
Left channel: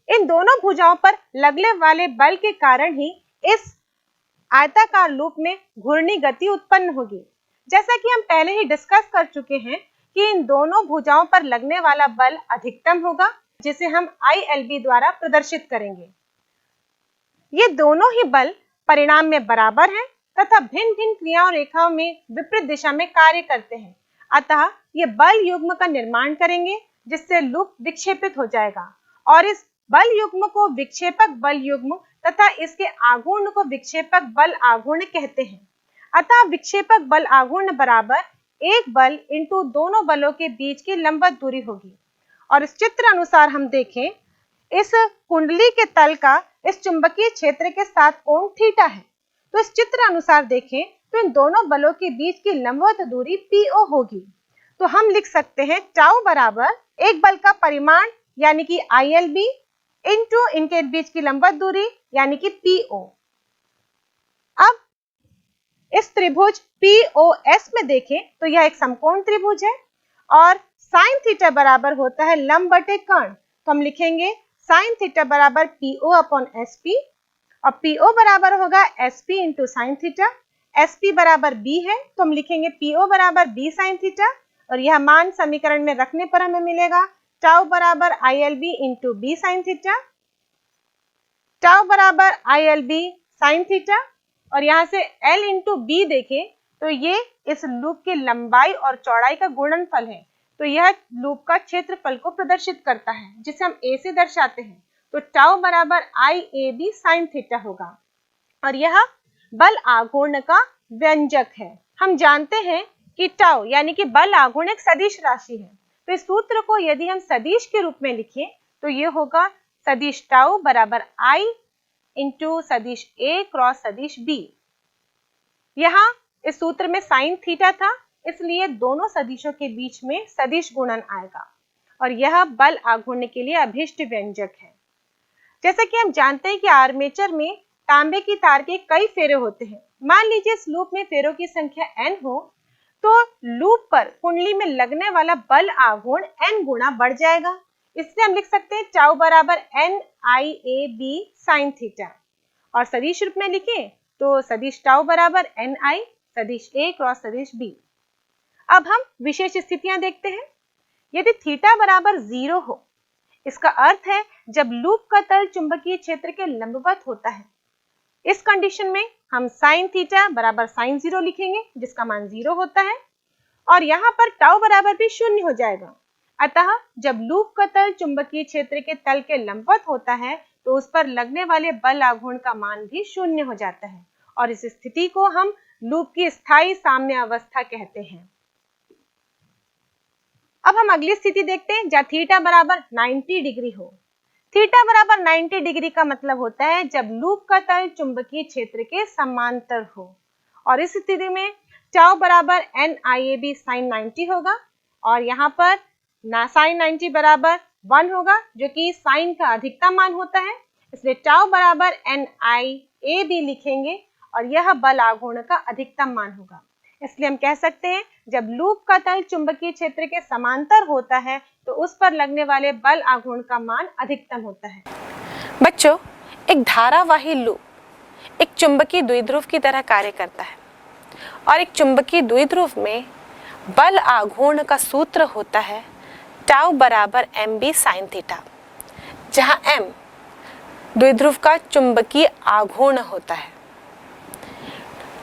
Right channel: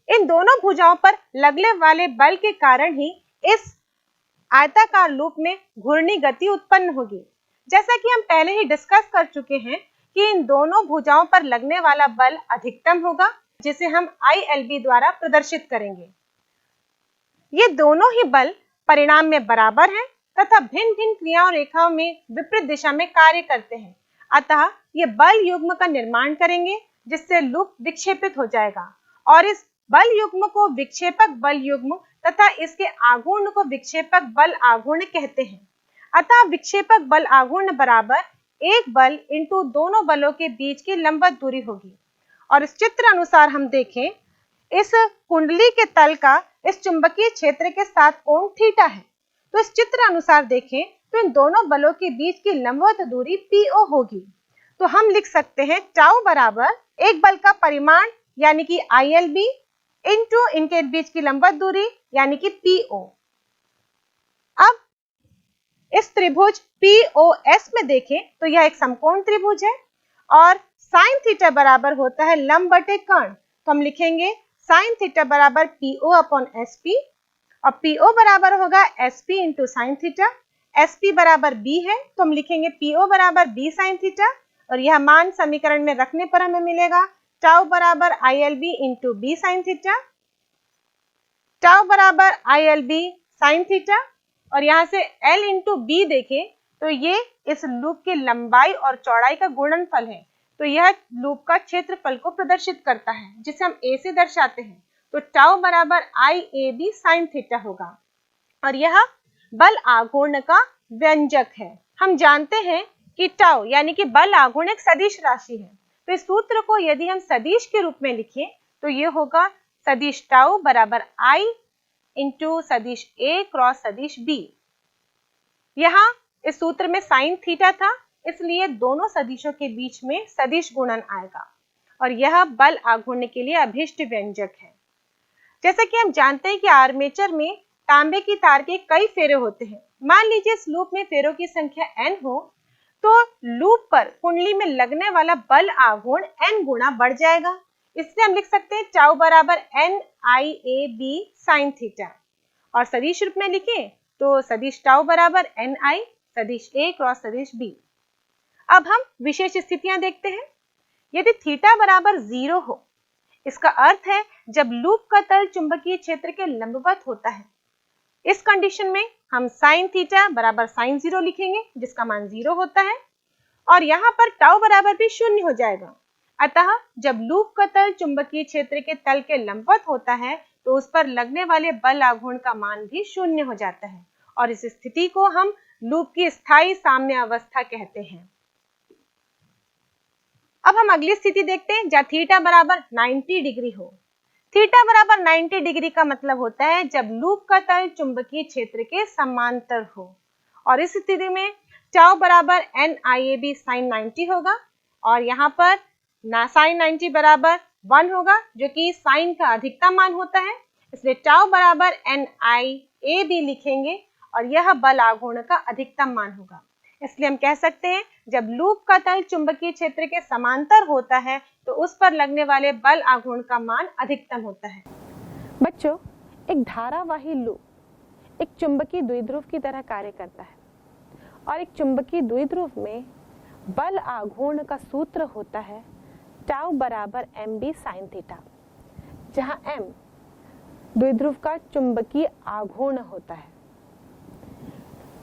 इन दोनों भुजाओं पर लगने वाले बल के कारण ही इस आयताकार लूप में घूर्णी गति उत्पन्न होगी। जैसा कि हम पहले ही डिस्कस कर चुके हैं कि इन दोनों भुजाओं पर लगने वाला बल अधिकतम होगा, जिसे हम ILB द्वारा प्रदर्शित करेंगे। ये दोनों ही बल परिणाम में बराबर हैं तथा भिन्न-भिन्न क्रियाओं रेखाओं में विपरीत दिशा में कार्य करते हैं, अतः ये बल युग्म का निर्माण करेंगे जिससे लूप विक्षेपित हो जाएगा और इस बल युग्म को विक्षेपक बल युग्म तथा इसके आघूर्ण को विक्षेपक बल आघूर्ण कहते हैं। अतः विक्षेपक बल आघूर्ण बराबर एक बल इंटू दोनों बलों के बीच की लंबवत दूरी होगी। और इस चित्र अनुसार हम देखें, इस कुंडली के तल का इस चुंबकीय क्षेत्र के साथ कोण थीटा है। तो इस चित्र अनुसार देखें तो इन दोनों बलों के बीच की लंबवत दूरी PO होगी। तो हम लिख सकते हैं टाउ बराबर एक बल का परिमाण यानी कि ILB इंटू इनके बीच की लंबवत दूरी यानी कि PO। अब इस त्रिभुज POS में देखें तो यह एक समकोण त्रिभुज है और साइन थीटा बराबर होता है लंब बटे कर्ण। तो हम लिखेंगे साइन थीटा बराबर PO अपॉन SP और PO बराबर होगा SP into sine theta. SP बराबर B है तो हम लिखेंगे PO बराबर B साइन थीटा और यह मान समीकरण में रखने पर हमें मिलेगा टाउ बराबर ILB into B sine theta, tau बराबर ILB साइन थीटा और यहाँ से L इंटू B देखें तो ये इस लूप की लंबाई और चौड़ाई का गुणनफल है। तो यह लूप का क्षेत्रफल को प्रदर्शित करता है जिसे हम A से दर्शाते हैं। तो टाउ बराबर IAB साइन थीटा होगा और यह बल आघूर्ण का व्यंजक है। हम जानते हैं कि टाउ यानी कि बल आघूर्ण एक सदिश राशि है। तो इस सूत्र को यदि हम सदिश के रूप में लिखें तो ये होगा सदिश टाउ बराबर I इंटू सदिश A क्रॉस सदिश B। यहाँ इस सूत्र में साइन थीटा था, इसलिए दोनों सदिशों के बीच में सदिश गुणन आएगा और यह बल आघूर्ण के लिए अभिष्ट व्यंजक है। जैसा कि हम जानते हैं कि आर्मेचर में तांबे की तार के कई फेरे होते हैं। मान लीजिए इस लूप में फेरों की संख्या n हो तो लूप पर कुंडली में लगने वाला बल आघूर्ण n गुना बढ़ जाएगा। इसलिए हम लिख सकते हैं टाउ बराबर NIAB साइन थीटा और सदिश रूप में लिखें तो सदिश टाउ बराबर NI सदिश A क्रॉस सदिश B। अब हम विशेष स्थितियां देखते हैं। यदि थीटा बराबर 0 हो, इसका अर्थ है जब लूप का तल चुंबकीय क्षेत्र के लंबवत होता है। इस कंडीशन में हम साइन थीटा बराबर साइन 0 लिखेंगे जिसका मान 0 होता है और यहाँ पर टाउ बराबर भी 0 हो जाएगा। अतः जब लूप का तल चुंबकीय क्षेत्र के तल के लंबवत होता है तो उस पर लगने वाले बल आघूर्ण का मान भी 0 हो जाता है और इस स्थिति को हम लूप की स्थायी साम्य अवस्था कहते हैं। अब हम अगली स्थिति देखते हैं जहाँ थीटा बराबर 90 डिग्री हो। थीटा बराबर 90 डिग्री का मतलब होता है जब लूप का तल चुंबकीय क्षेत्र के समांतर हो और इस स्थिति में टाउ बराबर NIAB साइन 90 होगा और यहाँ पर साइन 90 बराबर 1 होगा जो कि साइन का अधिकतम मान होता है, इसलिए टाउ बराबर NIAB लिखेंगे और यह बल आघूर्ण का अधिकतम मान होगा। इसलिए हम कह सकते हैं जब लूप का तल चुंबकीय क्षेत्र के समांतर होता है तो उस पर लगने वाले बल आघूर्ण का मान अधिकतम होता है। बच्चों, एक धारावाही लूप एक चुंबकीय द्विध्रुव की तरह कार्य करता है और एक चुंबकीय द्विध्रुव में बल आघूर्ण का सूत्र होता है टाउ बराबर MB साइन थीटा, जहां M द्विध्रुव का चुंबकीय आघूर्ण होता है।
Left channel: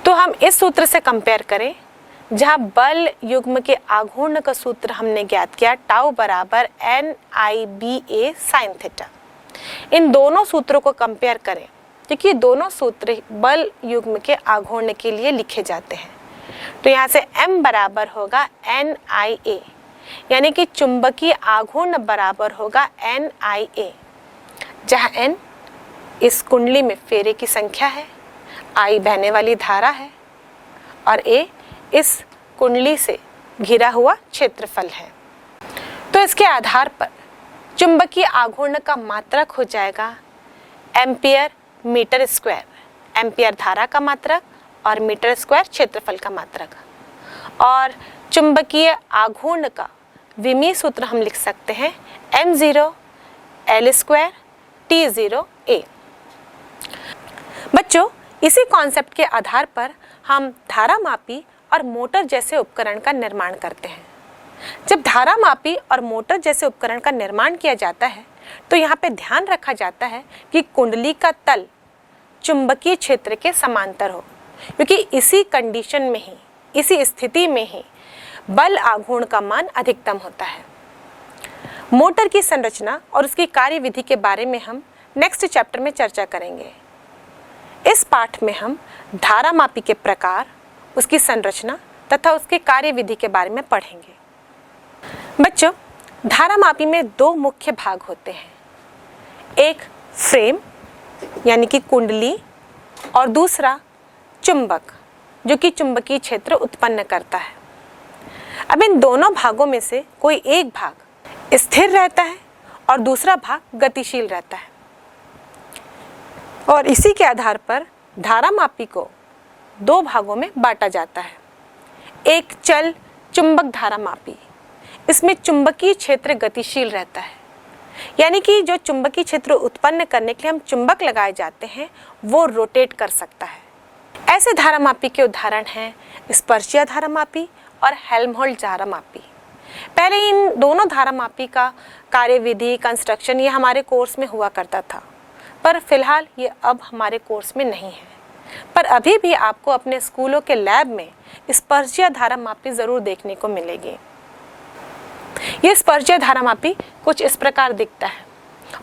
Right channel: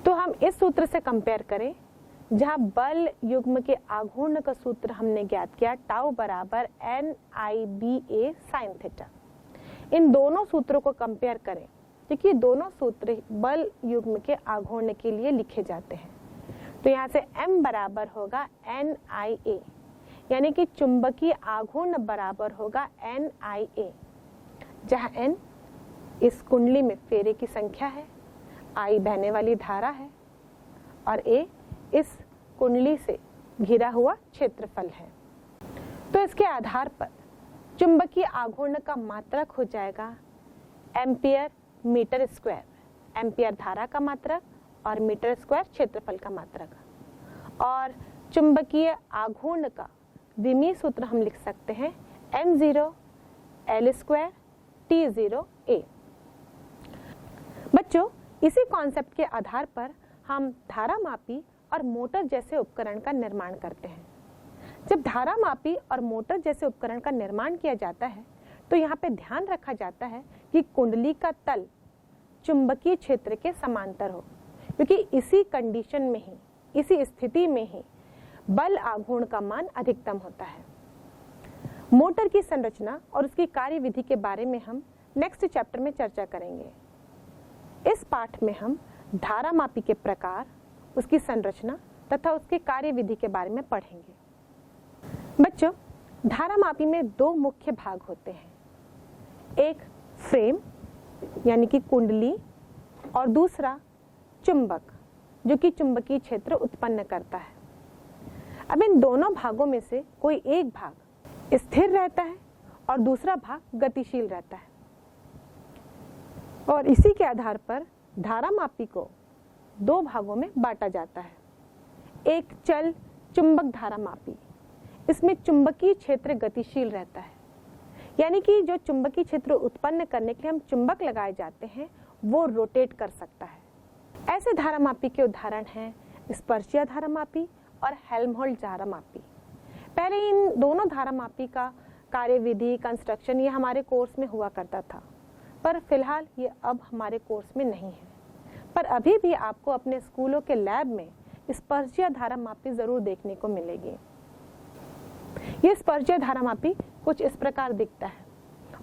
तो हम इस सूत्र से कंपेयर करें जहां बल युग्म के आघूर्ण का सूत्र हमने ज्ञात किया टाउ बराबर NIBA sin थीटा। इन दोनों सूत्रों को कंपेयर करें क्योंकि दोनों सूत्र बल युग्म के आघूर्ण के लिए लिखे जाते हैं। तो यहाँ से M बराबर होगा NIA, यानी कि चुंबकीय आघूर्ण बराबर होगा NIA, जहाँ N इस कुंडली में फेरे की संख्या है, I बहने वाली धारा है और A इस कुंडली से घिरा हुआ क्षेत्रफल है। तो इसके आधार पर चुंबकीय आघूर्ण का मात्रक हो जाएगा एम्पियर मीटर स्क्वायर, एम्पियर धारा का मात्रक और मीटर स्क्वायर क्षेत्रफल का मात्रक। और चुंबकीय आघूर्ण का विमीय सूत्र हम लिख सकते हैं M0 L square T0 A। बच्चों, इसी कॉन्सेप्ट के आधार पर हम धारामापी और मोटर जैसे उपकरण का निर्माण करते हैं। जब धारामापी और मोटर जैसे उपकरण का निर्माण किया जाता है तो यहाँ पे ध्यान रखा जाता है कि कुंडली का तल चुंबकीय क्षेत्र के समांतर हो, क्योंकि इसी कंडीशन में ही, इसी स्थिति में ही बल आघूर्ण का मान अधिकतम होता है। मोटर की संरचना और उसकी कार्यविधि के बारे में हम नेक्स्ट चैप्टर में चर्चा करेंगे। इस पाठ में हम धारामापी के प्रकार, उसकी संरचना तथा उसके कार्यविधि के बारे में पढ़ेंगे। बच्चों, धारामापी में दो मुख्य भाग होते हैं, एक फ्रेम यानी कि कुंडली और दूसरा चुंबक जो कि चुंबकीय क्षेत्र उत्पन्न करता है। अब इन दोनों भागों में से कोई एक भाग स्थिर रहता है और दूसरा भाग गतिशील रहता है और इसी के आधार पर धारामापी को दो भागों में बांटा जाता है। एक चल चुंबक धारामापी, इसमें चुंबकीय क्षेत्र गतिशील रहता है, यानी कि जो चुंबकीय क्षेत्र उत्पन्न करने के लिए हम चुंबक लगाए जाते हैं वो रोटेट कर सकता है। ऐसे धारामापी के उदाहरण हैं स्पर्शीय धारामापी और हेल्महोल्ट्ज धारामापी। पहले इन दोनों धारामापी का कार्यविधि, कंस्ट्रक्शन ये हमारे कोर्स में हुआ करता था, पर फिलहाल ये अब हमारे कोर्स में नहीं है। पर अभी भी आपको अपने स्कूलों के लैब में स्पर्शीय धारामापी ज़रूर देखने को मिलेगी। ये स्पर्शीय धारामापी कुछ इस प्रकार दिखता है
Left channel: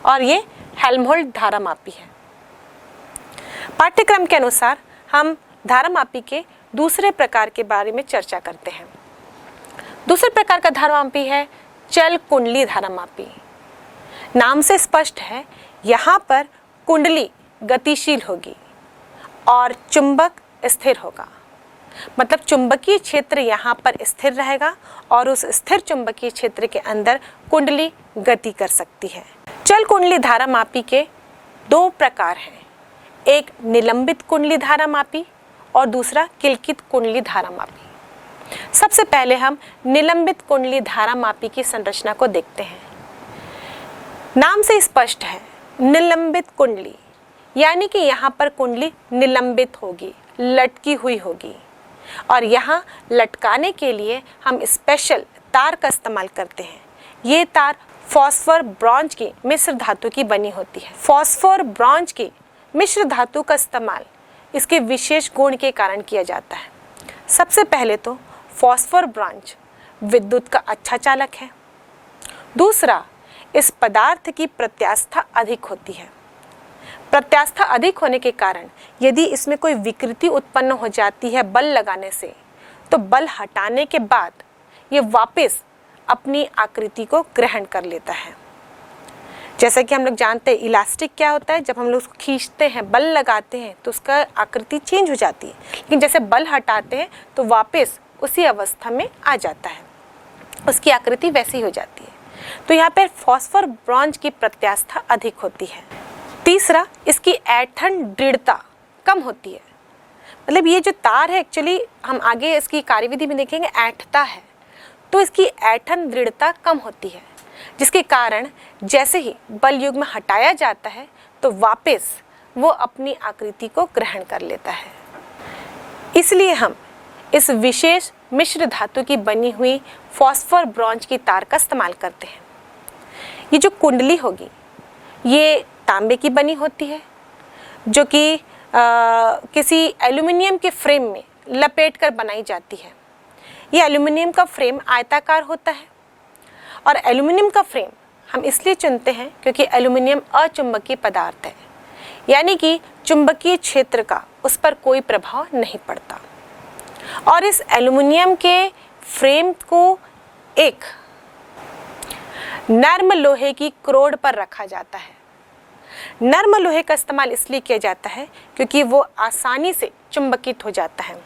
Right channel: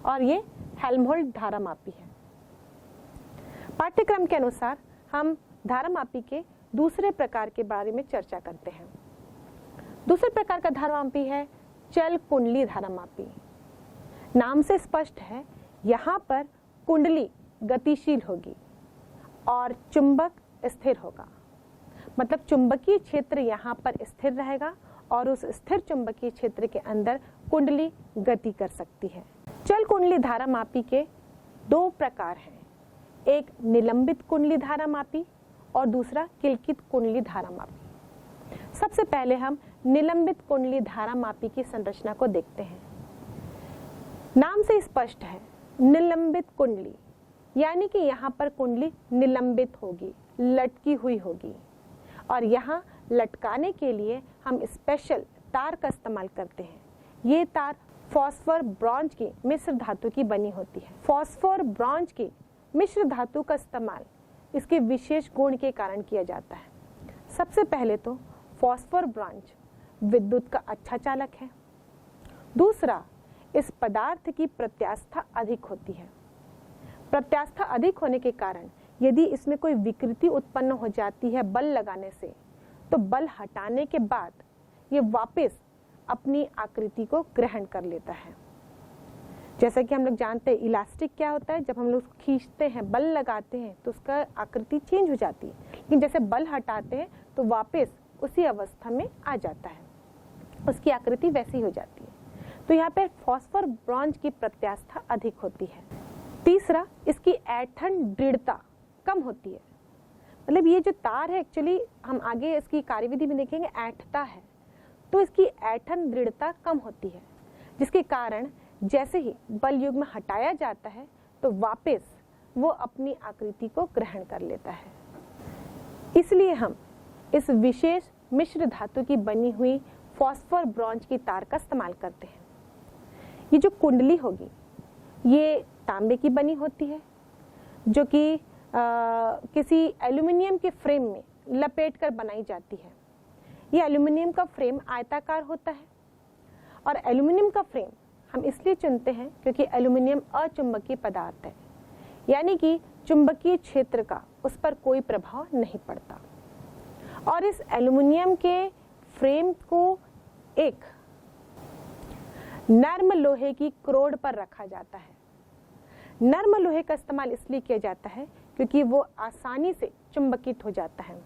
और ये हेल्महोल्ट्ज धारामापी है। पाठ्यक्रम के अनुसार हम धारामापी के दूसरे प्रकार के बारे में चर्चा करते हैं। दूसरे प्रकार का धारामापी है चल कुंडली धारामापी। नाम से स्पष्ट है, यहाँ पर कुंडली गतिशील होगी और चुंबक स्थिर होगा, मतलब चुंबकीय क्षेत्र यहाँ पर स्थिर रहेगा और उस स्थिर चुंबकीय क्षेत्र के अंदर कुंडली गति कर सकती है। चल कुंडली धारामापी के दो प्रकार हैं, एक निलंबित कुंडली धारामापी और दूसरा किलकित कुंडली धारामापी। सबसे पहले हम निलंबित कुंडली धारामापी की संरचना को देखते हैं। नाम से स्पष्ट है, निलंबित कुंडली यानी कि यहाँ पर कुंडली निलंबित होगी, लटकी हुई होगी और यहाँ लटकाने के लिए हम स्पेशल तार का इस्तेमाल करते हैं। ये तार फॉस्फोर ब्रॉन्ज की मिश्र धातु की बनी होती है। फॉस्फोर ब्रॉन्ज की मिश्र धातु का इस्तेमाल इसके विशेष गुण के कारण किया जाता है। सबसे पहले तो फॉस्फोर ब्रॉन्ज विद्युत का अच्छा चालक है। दूसरा, इस पदार्थ की प्रत्यास्था अधिक होती है। प्रत्यास्था अधिक होने के कारण यदि इसमें कोई विकृति उत्पन्न हो जाती है बल लगाने से, तो बल हटाने के बाद ये वापस अपनी आकृति को ग्रहण कर लेता है। जैसा कि हम लोग जानते हैं इलास्टिक क्या होता है, जब हम लोग उसको खींचते हैं, बल लगाते हैं तो उसका आकृति चेंज हो जाती है, लेकिन जैसे बल हटाते हैं तो वापस उसी अवस्था में आ जाता है, उसकी आकृति वैसी हो जाती है। तो यहाँ पर फॉस्फोर ब्रॉन्ज की प्रत्यास्था अधिक होती है। तीसरा, इसकी ऐंठन दृढ़ता कम होती है, मतलब ये जो तार है एक्चुअली हम आगे इसकी कार्यविधि में देखेंगे ऐंठता है, तो इसकी ऐंठन दृढ़ता कम होती है, जिसके कारण जैसे ही बल युग्म हटाया जाता है तो वापस वो अपनी आकृति को ग्रहण कर लेता है। इसलिए हम इस विशेष मिश्र धातु की बनी हुई फॉस्फोर ब्रॉन्ज की तार का इस्तेमाल करते हैं। ये जो कुंडली होगी ये तांबे की बनी होती है, जो कि किसी एल्युमिनियम के फ्रेम में लपेट कर बनाई जाती है। ये एल्युमिनियम का फ्रेम आयताकार होता है और एल्युमिनियम का फ्रेम हम इसलिए चुनते हैं क्योंकि एल्युमिनियम अचुंबकीय पदार्थ है, यानी कि चुंबकीय क्षेत्र का उस पर कोई प्रभाव नहीं पड़ता। और इस एल्युमिनियम के फ्रेम को एक नर्म लोहे की क्रोड पर रखा जाता है। नर्म लोहे का इस्तेमाल इसलिए किया जाता है क्योंकि वो आसानी से चुंबकित हो जाता है,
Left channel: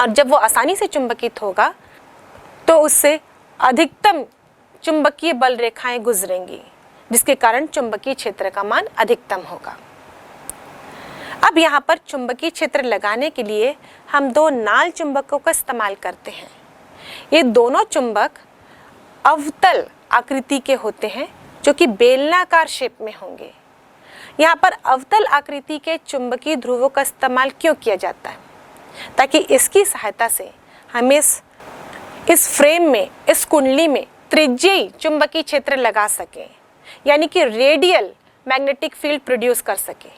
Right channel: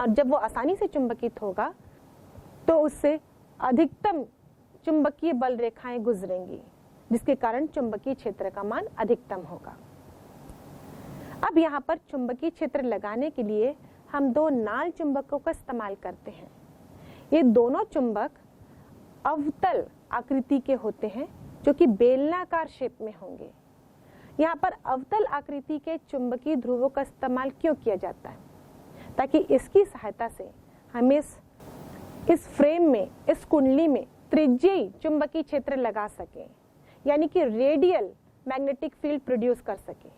और जब वो आसानी से चुंबकित होगा तो उससे अधिकतम चुंबकीय बल रेखाएं गुजरेंगी, जिसके कारण चुंबकीय क्षेत्र का मान अधिकतम होगा। अब यहाँ पर चुंबकीय क्षेत्र लगाने के लिए हम दो नाल चुंबकों का इस्तेमाल करते हैं। ये दोनों चुंबक अवतल आकृति के होते हैं, जो कि बेलनाकार शेप में होंगे। यहाँ पर अवतल आकृति के चुंबकीय ध्रुवों का इस्तेमाल क्यों किया जाता है? ताकि इसकी सहायता से हम इस फ्रेम में, इस कुंडली में त्रिज्यीय चुंबकीय क्षेत्र लगा सकें, यानी कि रेडियल मैग्नेटिक फील्ड प्रोड्यूस कर सकें,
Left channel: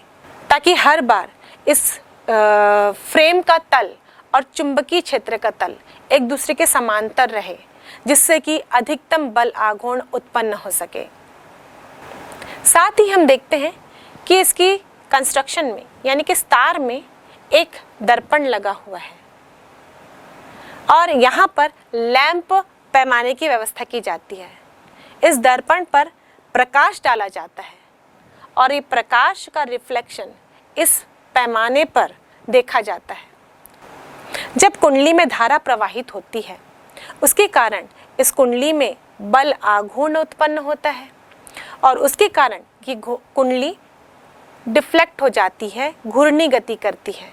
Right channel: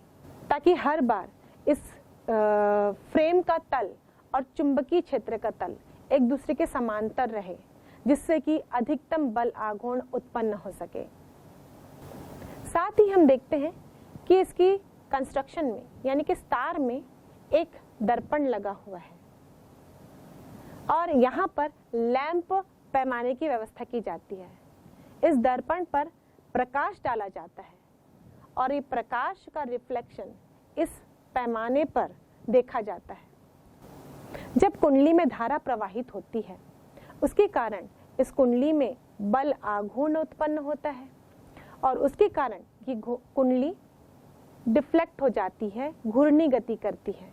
ताकि हर बार इस फ्रेम का तल और चुंबकीय क्षेत्र का तल एक दूसरे के समांतर रहे, जिससे कि अधिकतम बल आघूर्ण उत्पन्न हो सके। साथ ही हम देखते हैं कि इसकी कंस्ट्रक्शन में, यानी कि तार में एक दर्पण लगा हुआ है और यहाँ पर लैंप पैमाने की व्यवस्था की जाती है। इस दर्पण पर प्रकाश डाला जाता है और ये प्रकाश का रिफ्लेक्शन इस पैमाने पर देखा जाता है। जब कुंडली में धारा प्रवाहित होती है, उसके कारण इस कुंडली में बल आघूर्ण उत्पन्न होता है और उसके कारण ये कुंडली डिफ्लेक्ट हो जाती है, घूर्णी गति करती है।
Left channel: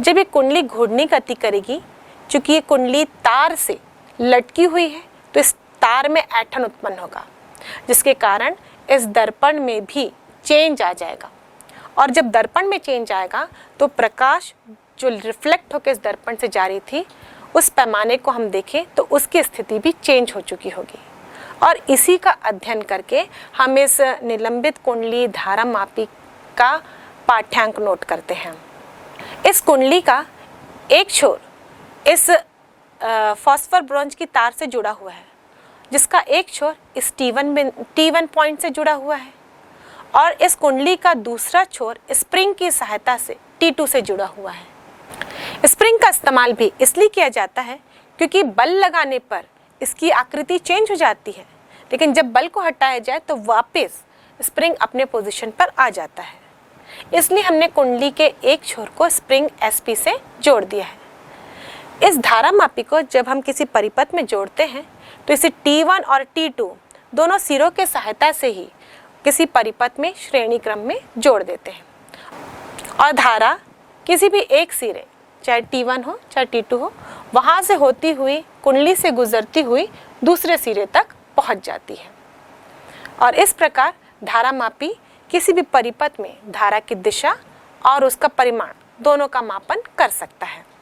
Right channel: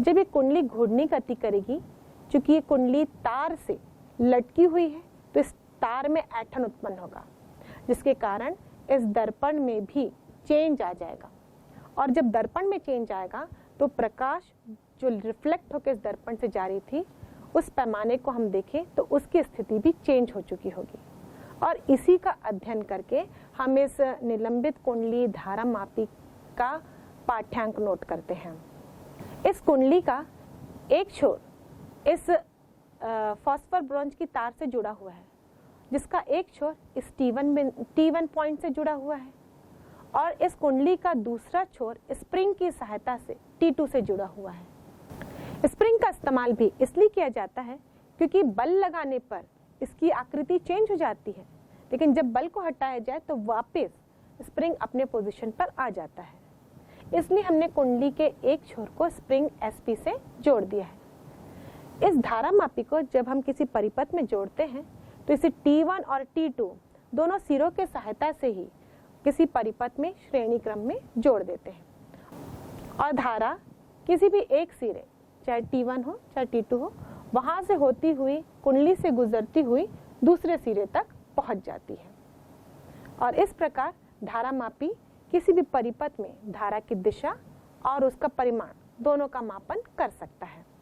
जब ये कुंडली घूर्णी गति करेगी, चूंकि ये कुंडली तार से लटकी हुई है, तो इस तार में ऐंठन उत्पन्न होगा, जिसके कारण इस दर्पण में भी चेंज आ जाएगा। और जब दर्पण में चेंज आएगा तो प्रकाश जो रिफ्लेक्ट होकर इस दर्पण से जारी थी, उस पैमाने को हम देखें तो उसकी स्थिति भी चेंज हो चुकी होगी। और इसी का अध्ययन करके हम इस निलंबित कुंडली धारामापी का पाठ्यांक नोट करते हैं। इस कुंडली का एक छोर इस फॉस्फर ब्रोंज की तार से जुड़ा हुआ है, जिसका एक छोर इस T1 पॉइंट से जुड़ा हुआ है, और इस कुंडली का दूसरा छोर स्प्रिंग की सहायता से T2 से जुड़ा हुआ है। स्प्रिंग का इस्तेमाल भी इसलिए किया जाता है क्योंकि बल लगाने पर इसकी आकृति चेंज हो जाती है, लेकिन जब बल को हटाया जाए तो वापस स्प्रिंग अपने पोजीशन पर आ जाता है। इसलिए हमने कुंडली के एक छोर को स्प्रिंग SP से जोड़ दिया है। इस धारामापी को जब हम किसी परिपथ में जोड़ते हैं तो इसे T1 और T2 दोनों सिरों के सहायता से ही किसी परिपथ में श्रेणी क्रम में जोड़ देते हैं, और धारा किसी भी एक सिरे, चाहे T1 हो चाहे T2 हो, वहाँ से होती हुई कुंडली से गुजरती हुई दूसरे सिरे तक पहुँच जाती है। और इस प्रकार धारामापी किसी भी परिपथ में धारा की दिशा और उसका परिमाण दोनों का मापन कर सकता है।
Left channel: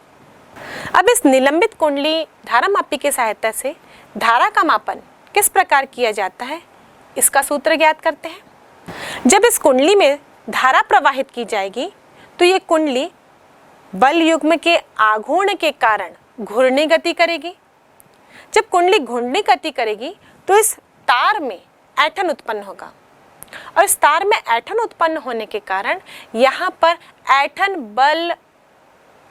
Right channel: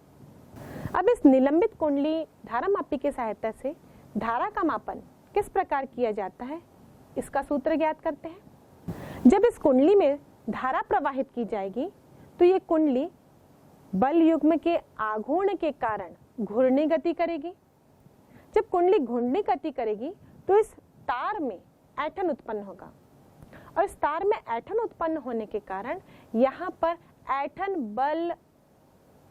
अब इस निलंबित कुंडली धारामापी की सहायता से धारा का मापन किस प्रकार किया जाता है, इसका सूत्र ज्ञात करते हैं। जब इस कुंडली में धारा प्रवाहित की जाएगी तो ये कुंडली बल युग्म के आघूर्ण के कारण घूर्णी गति करेगी। जब कुंडली घूर्णी गति करेगी तो इस तार में ऐंठन उत्पन्न होगा, और इस तार में ऐंठन उत्पन्न होने के कारण यहाँ पर ऐंठन बल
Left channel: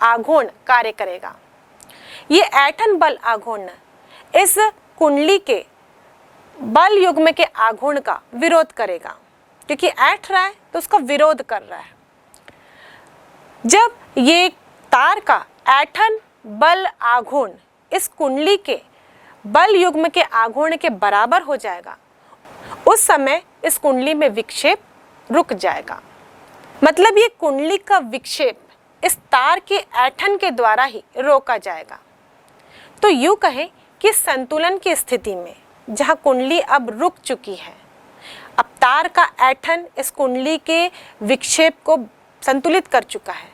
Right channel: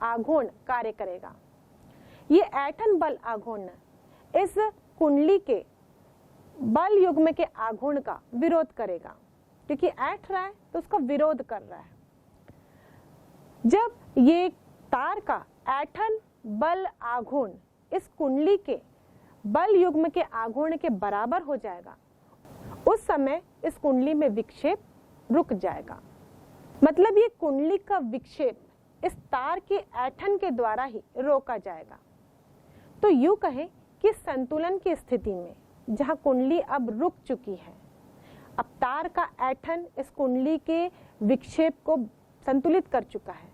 आघूर्ण कार्य करेगा। ये ऐंठन बल आघूर्ण इस कुंडली के बल युग्म के आघूर्ण का विरोध करेगा, क्योंकि ऐंठ रहा है तो उसका विरोध कर रहा है। जब ये तार का ऐंठन बल आघूर्ण इस कुंडली के बल युग्म के आघूर्ण के बराबर हो जाएगा, उस समय इस कुंडली में विक्षेप रुक जाएगा। मतलब ये कुंडली का विक्षेप इस तार के ऐंठन के द्वारा ही रोका जाएगा। तो यूं कहें कि संतुलन की स्थिति में जहां कुंडली अब रुक चुकी है, अब तार का ऐंठन इस कुंडली के विक्षेप को संतुलित कर चुका है,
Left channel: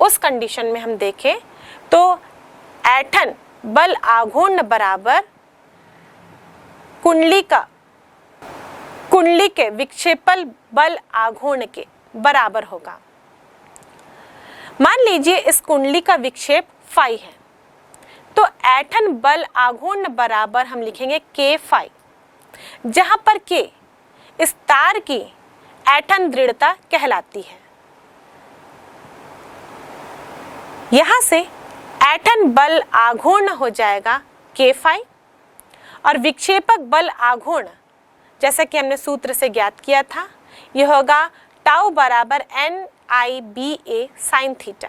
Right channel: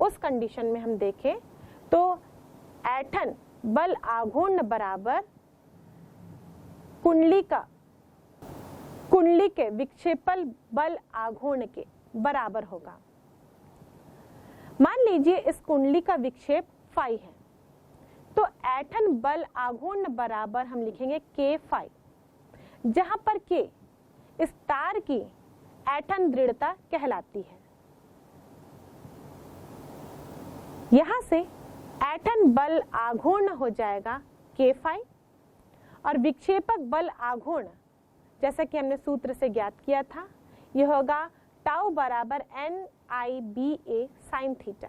उस कंडीशन में हम देखें तो ऐंठन बल आघूर्ण बराबर कुंडली के विक्षेपल बल आघूर्ण के बराबर होगा। मान लीजिए इस कुंडली का विक्षेप फाई है, तो ऐंठन बल आघूर्ण बराबर हम लिखेंगे के फाई, जहां पर के इस तार की ऐंठन दृढ़ता कहलाती है। यहां से ऐंठन बल आघूर्ण हो जाएगा के फाई और विक्षेपक बल आघूर्ण जैसा कि हमने सूत्र से ज्ञात किया था, यह होगा टाउ बराबर NIBA साइन थीटा।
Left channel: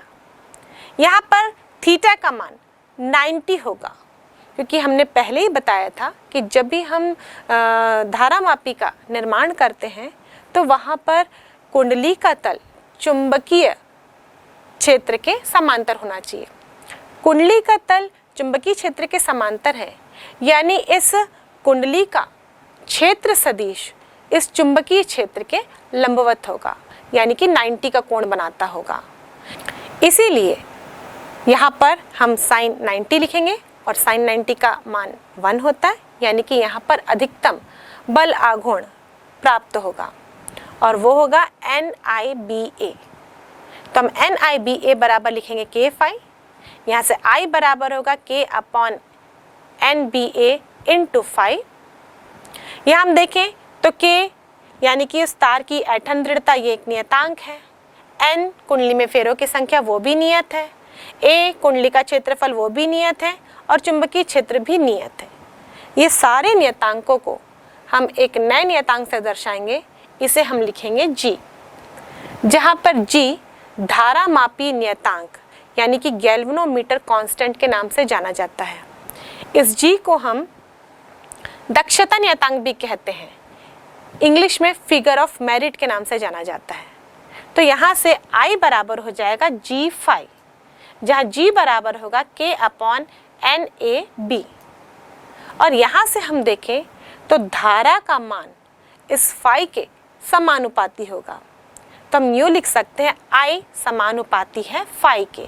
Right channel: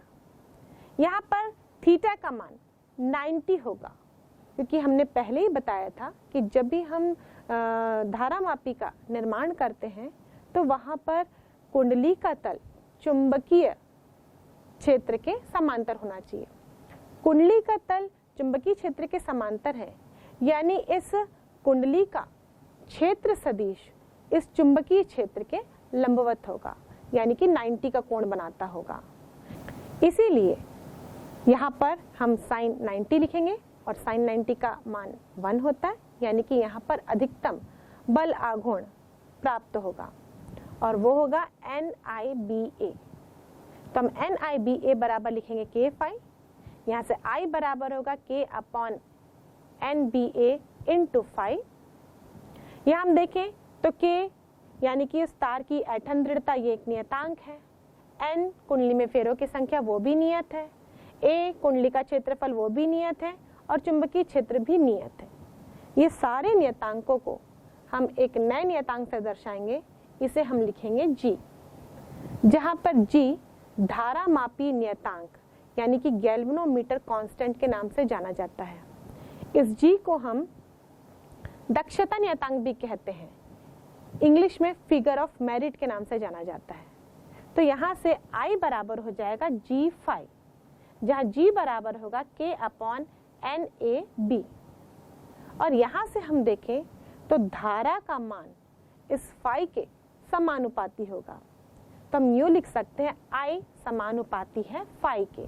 यहाँ पर थीटा का मान 90 होगा, क्योंकि हमने पहले ही बताया था कि जब भी हम धारामापी का निर्माण करते हैं तो वहाँ पर कुंडली का तल चुंबकीय क्षेत्र के समांतर होना चाहिए। कुंडली का तल चुंबकीय क्षेत्र के समांतर है, यानी इस कुंडली का क्षेत्र सदिश इस चुंबकीय क्षेत्र के लंबवत होगा, यानी कि 90 का कोण बनाता होगा। इसीलिए यहाँ पर हम साइन 90 लिखेंगे और साइन 90 का मान 1 होता है, यानी कि यहाँ पर अधिकतम बल आघूर्ण प्राप्त होगा और वो होगा NIBA। तो हम NIBA बराबर लिखेंगे के फाई, यहाँ से I बराबर होगा K upon NBA into phi. यहाँ हम देखें तो K यानी कि उस तार की ऐंठन दृढ़ता ये एक नियतांक है, N कुंडली में फेरों की संख्या वो भी नियत है, A कुंडली का क्षेत्रफल वो भी नियत है और चुंबकीय क्षेत्र भी नियत है। ये सारे नियतांकों को हम एक नए नियतांक से दर्शाएंगे, इसे हम लिखेंगे G, जहाँ पर G धारामापी नियतांक यानी कि गैल्वेनोमीटर कांस्टेंट के नाम से जाना जाता है। इस G को हम दक्षता नियतांक भी कहते हैं, इंग्लिश में फिगर ऑफ मेरिट के नाम से जाना जाता है। तो यहाँ से I बराबर हो जाएगा G फाई, जहाँ G बराबर होगा K अपॉन NAB। और यहाँ से हम देखें तो धारा का मान इस फाई के समानुपाती होगा, तो हम यूँ लिख सकते हैं I समानुपाती है फाई के,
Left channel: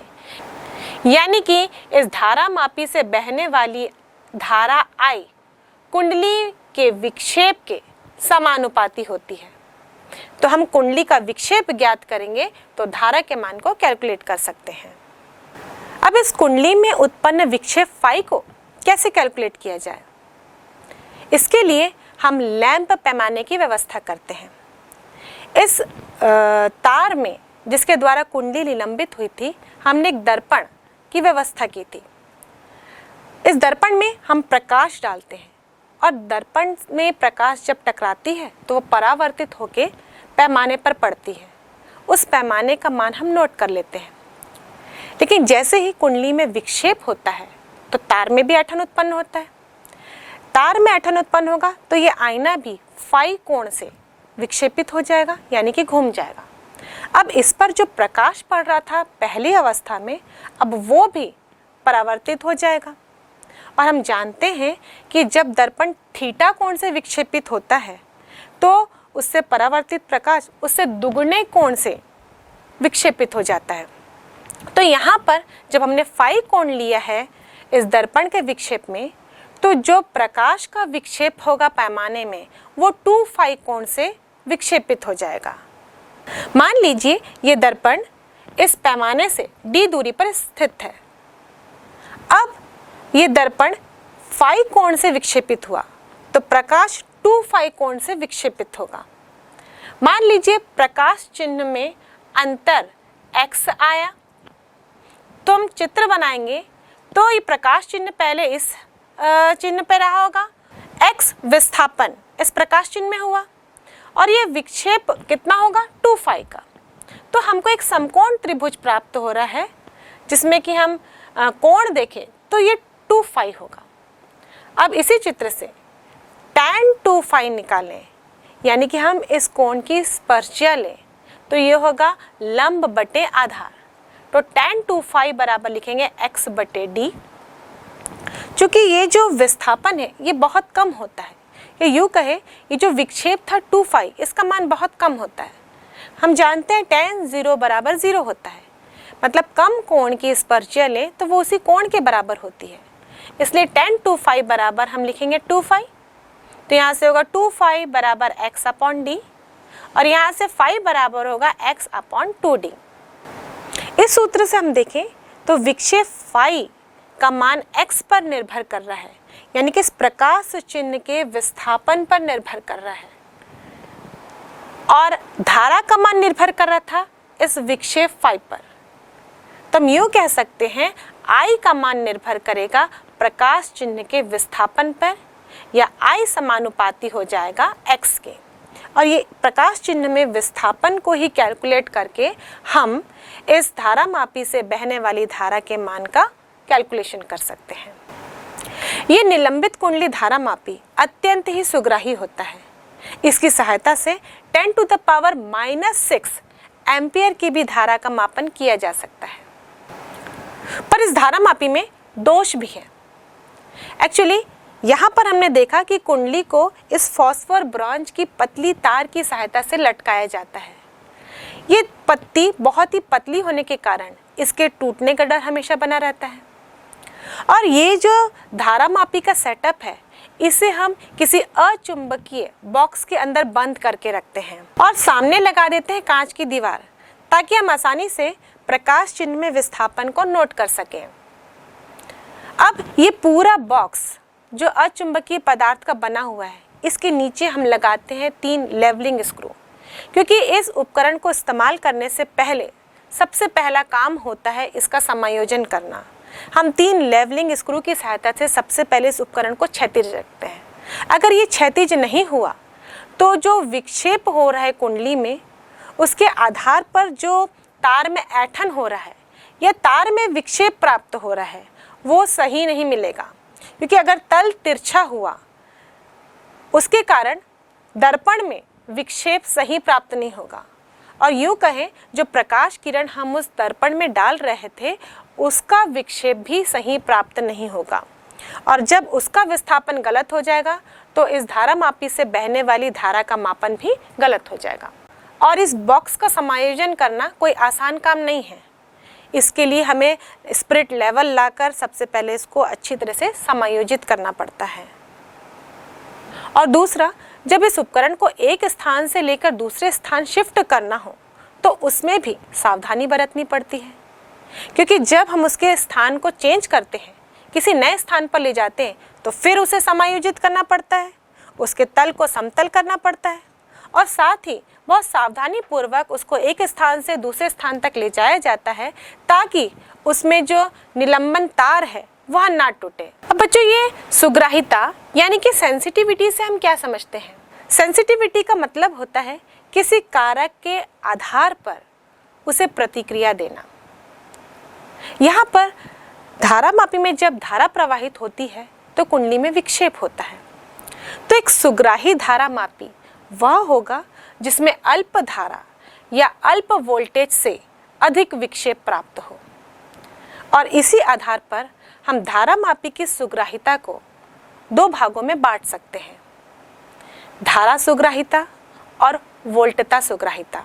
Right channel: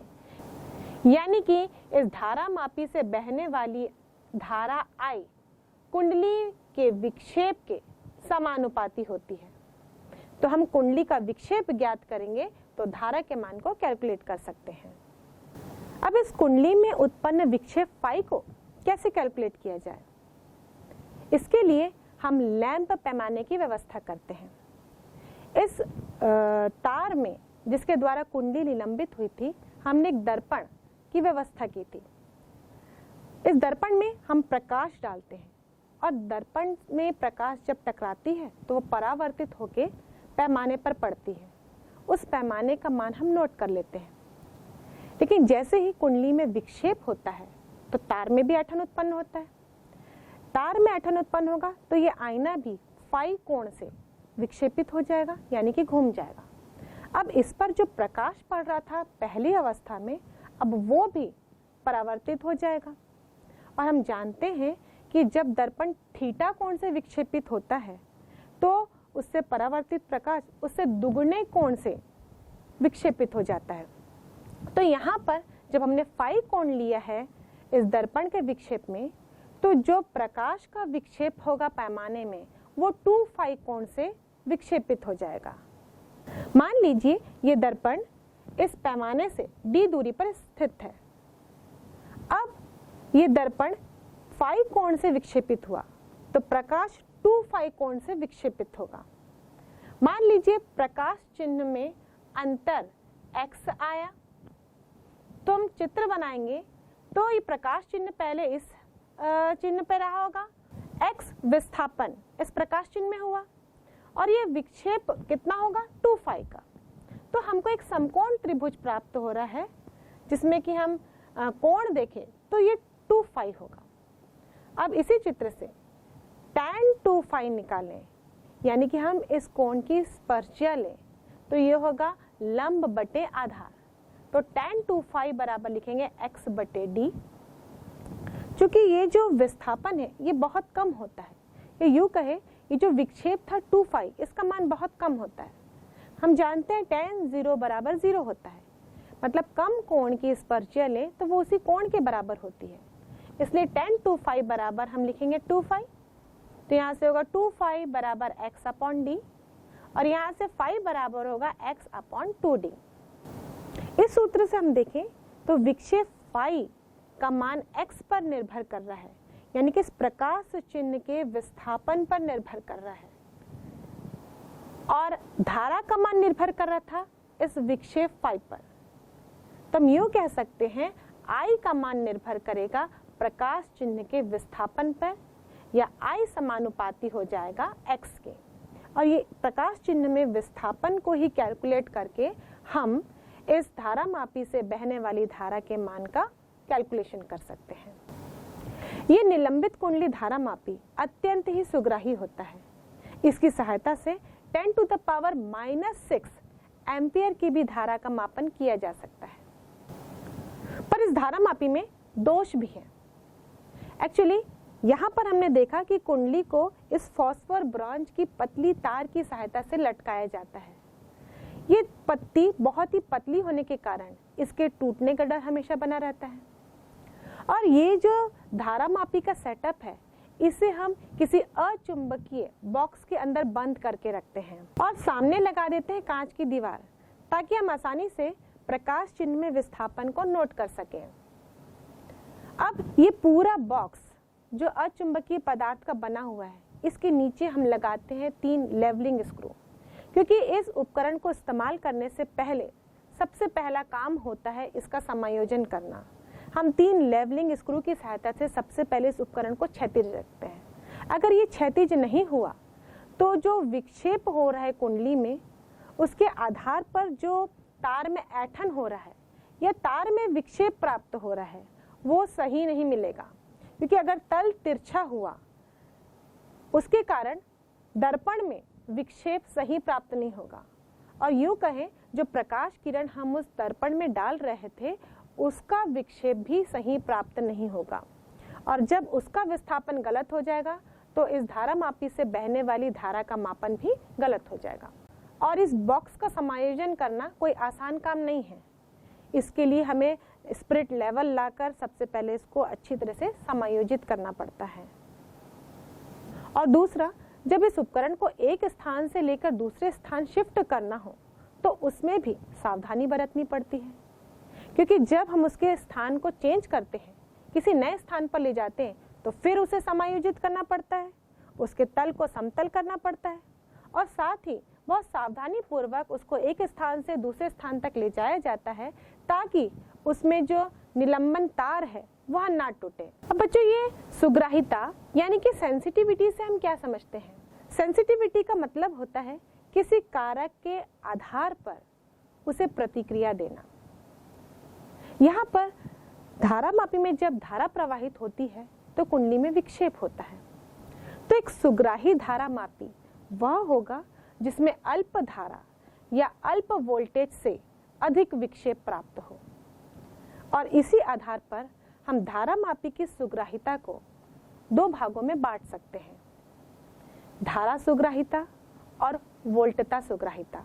यानी कि इस धारामापी से बहने वाली धारा I कुंडली के विक्षेप के समानुपाती होती है। तो हम कुंडली का विक्षेप ज्ञात करेंगे तो धारा के मान को कैलकुलेट कर सकते हैं। अब इस कुंडली में उत्पन्न विक्षेप फाई को कैसे कैलकुलेट किया जाए, इसके लिए हम लैंप पैमाने की व्यवस्था करते हैं। इस तार में जिसके द्वारा कुंडली निलंबित हुई थी, हमने एक दर्पण की व्यवस्था की थी। इस दर्पण में हम प्रकाश डालते हैं और दर्पण में प्रकाश जब टकराती है तो वो परावर्तित होकर पैमाने पर पड़ती है। उस पैमाने का मान हम नोट कर लेते हैं। लेकिन जैसे ही कुंडली में विक्षेप होता है तो तार में भी ऐंठन उत्पन्न होता है। तार में ऐंठन उत्पन्न होगा तो ये आईना भी फाई कोण से विक्षेपित हो जाएगा, यानी कि घूम जाएगा। अब इस पर जो प्रकाश पड़ रहा था पहली अवस्था में, अब वो भी परावर्तित हो जाएगा। और हम जानते हैं कि जब दर्पण थीटा कोण से विक्षेपित होता है तो उससे परावर्तित प्रकाश उससे दुगने कोण से विक्षेपित हो जाता है। तो यहाँ पर जब हमने फाई कोण लिया है इस दर्पण के विक्षेप में, तो जो प्रकाश का विक्षेप होगा पैमाने में वो 2 फाई कोण से विक्षेपित हो जाएगा। मान लीजिए ये दर्पण इस पैमाने से d दूरी पर स्थित है। अब ये दर्पण फाई कोण से विक्षेपित हुआ तो प्रकाश 2 फाई कोण से विक्षेपित होगा। मान लीजिए प्रकाश चिन्ह में अंतर x आया, तो हम चित्र बनाएंगे तो ये प्रकाश चिन्ह पहले इस चिन्ह पे रहा होगा, x विस्थापन इस प्रकाश चिन्ह में हुआ और ये विक्षेप कितना होगा 2 फाई का। तो हमको एक समकोण त्रिभुज प्राप्त हो रहा है जिसमें कि हम कोण देखें तो ये 2 फाई होगा। अब इसी चित्र से tan 2 फाई निकालें, यानी कि हम इस कोण की स्पर्शिया लें तो ये होगा लंब बटे आधार। तो tan 2 फाई बराबर लिखेंगे x बटे d। चूंकि ये जो विस्थापन है ये बहुत कम होता है, या यूँ कहे ये जो विक्षेप था 2 फाई इसका मान बहुत कम होता है। हम जानते हैं tan 0 बराबर 0 होता है, मतलब कम कोण की स्पर्शिया लें तो वो उसी कोण के बराबर होती है। इसलिए tan 2 फाई बराबर हम लिखेंगे 2 फाई। तो यहाँ से होगा 2 फाई बराबर x अपॉन डी और यहाँ से फाई बराबर होगा x अपॉन 2d। इस सूत्र से हम देखें तो विक्षेप फाई का मान x पर निर्भर कर रहा है, यानी कि इस प्रकाश चिन्ह के विस्थापन पर निर्भर कर रहा है, और धारा का मान निर्भर कर रहा था इस विक्षेप फाई पर। तो हम यूं कह सकते हैं I का मान निर्भर करेगा प्रकाश चिन्ह के विस्थापन पर, या I समानुपाती हो जाएगा x के, और ये प्रकाश चिन्ह में विस्थापन को ही कैलकुलेट करके हम इस धारा मापी से बहने वाली धारा के मान का कैलकुलेशन कर सकते हैं। ये निलंबित कुंडली धारा मापी अत्यंत ही सुग्राही होता है। इसकी सहायता से 10⁻⁻6 एम्पियर की भी धारा का मापन किया जा सकता है। पर इस धारा मापी में दोष भी है। एक्चुअली यहाँ पर हमने देखा कि कुंडली को इस फॉस्फोर ब्रॉन्ज की पतली तार की सहायता से लटकाया जाता है। ये पत्ती बहुत ही पतली होने के कारण इसके टूटने का डर हमेशा बना रहता है। और ये जो धारा मापी का सेटअप है, इसे हम किसी अचुंबकीय बॉक्स के अंदर बंद करके रखते हैं और सामने लगा देते हैं कांच की दीवार, ताकि हम आसानी से प्रकाश चिन्ह में विस्थापन को नोट कर सकें। अब ये पूरा बॉक्स जो अचुंबकीय पदार्थ का बना हुआ है, इसके नीचे हम लगाते हैं 3 लेवलिंग स्क्रू, क्योंकि इस उपकरण को इस्तेमाल करने से पहले सबसे पहला काम होता है इसका समायोजन करना। हम 3 लेवलिंग स्क्रू की सहायता से सबसे पहले इस उपकरण को क्षैतिज रखते हैं। अगर ये क्षैतिज नहीं हुआ तो जो विक्षेप हो रहा है कुंडली में, उसके आधार पर जो तार में ऐंठन हो रहा है या तार में विक्षेप प्राप्त हो रहा है, वो सही नहीं मिलेगा। क्योंकि अगर तल तिरछा हुआ, उसके कारण दर्पण में विक्षेप सही प्राप्त नहीं होगा, और यूं कहें जो प्रकाश किरण हम उस दर्पण में डाल रहे थे, उसका विक्षेप भी सही प्राप्त नहीं होगा। और जब उसका विस्थापन गलत हो जाएगा तो इस धारा मापी से बहने वाली धारा का मापन भी गलत हो जाएगा। और इस बॉक्स का समायोजन करना कोई आसान काम नहीं है। इसके लिए हमें स्पिरिट लेवल लाकर सबसे पहले इसको अच्छी तरह से समायोजित करना पड़ता है। और दूसरा, जब इस उपकरण को एक स्थान से लेकर दूसरे स्थान शिफ्ट करना हो तो उसमें भी सावधानी बरतनी पड़ती है, क्योंकि जब हम उसके स्थान को चेंज करते हैं, किसी नए स्थान पर ले जाते हैं, तो फिर उसे समायोजित करना पड़ता है, उसके तल को समतल करना पड़ता है, और साथ ही बहुत सावधानी पूर्वक उसको एक स्थान से दूसरे स्थान तक ले जाया जाता है, ताकि उसमें जो निलंबन तार है वह ना टूटे। अब बच्चों, ये सुग्राहिता यानी कि सेंसिटिविटी से हम क्या समझते हैं? सेंसिटिविटी का मतलब होता है किसी कारक के आधार पर उसे प्रतिक्रिया देना। यहाँ पर धारा मापी में जब धारा प्रवाहित होती है तो कुंडली में विक्षेप होता है। तो एक सुग्राही धारा मापी वह होगा जिसमें अल्प धारा या अल्प वोल्टेज से अधिक विक्षेप प्राप्त हो, और इसी आधार पर हम धारा मापी की सुग्राहिता को 2 भागों में बांट सकते हैं, धारा सुग्राहिता और वोल्टता सुग्राहिता।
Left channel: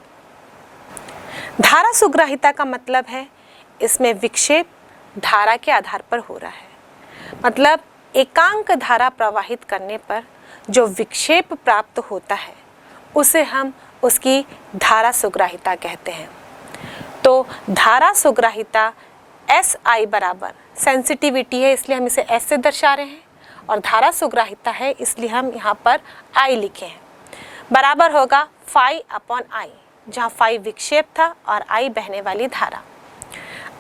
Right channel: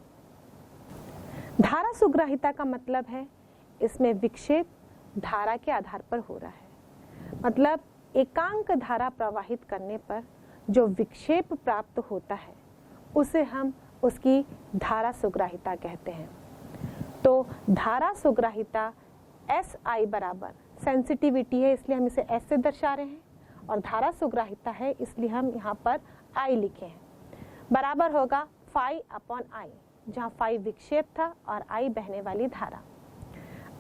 धारा सुग्राहिता का मतलब है इसमें विक्षेप धारा के आधार पर हो रहा है, मतलब एकांक धारा प्रवाहित करने पर जो विक्षेप प्राप्त होता है उसे हम उसकी धारा सुग्राहिता कहते हैं। तो धारा सुग्राहिता SI बराबर सेंसिटिविटी है, इसलिए हम इसे S से दर्शा रहे हैं, और धारा सुग्राहिता है इसलिए हम यहाँ पर I लिखे हैं, बराबर होगा φ/I, जहाँ φ विक्षेप था और I बहने वाली धारा।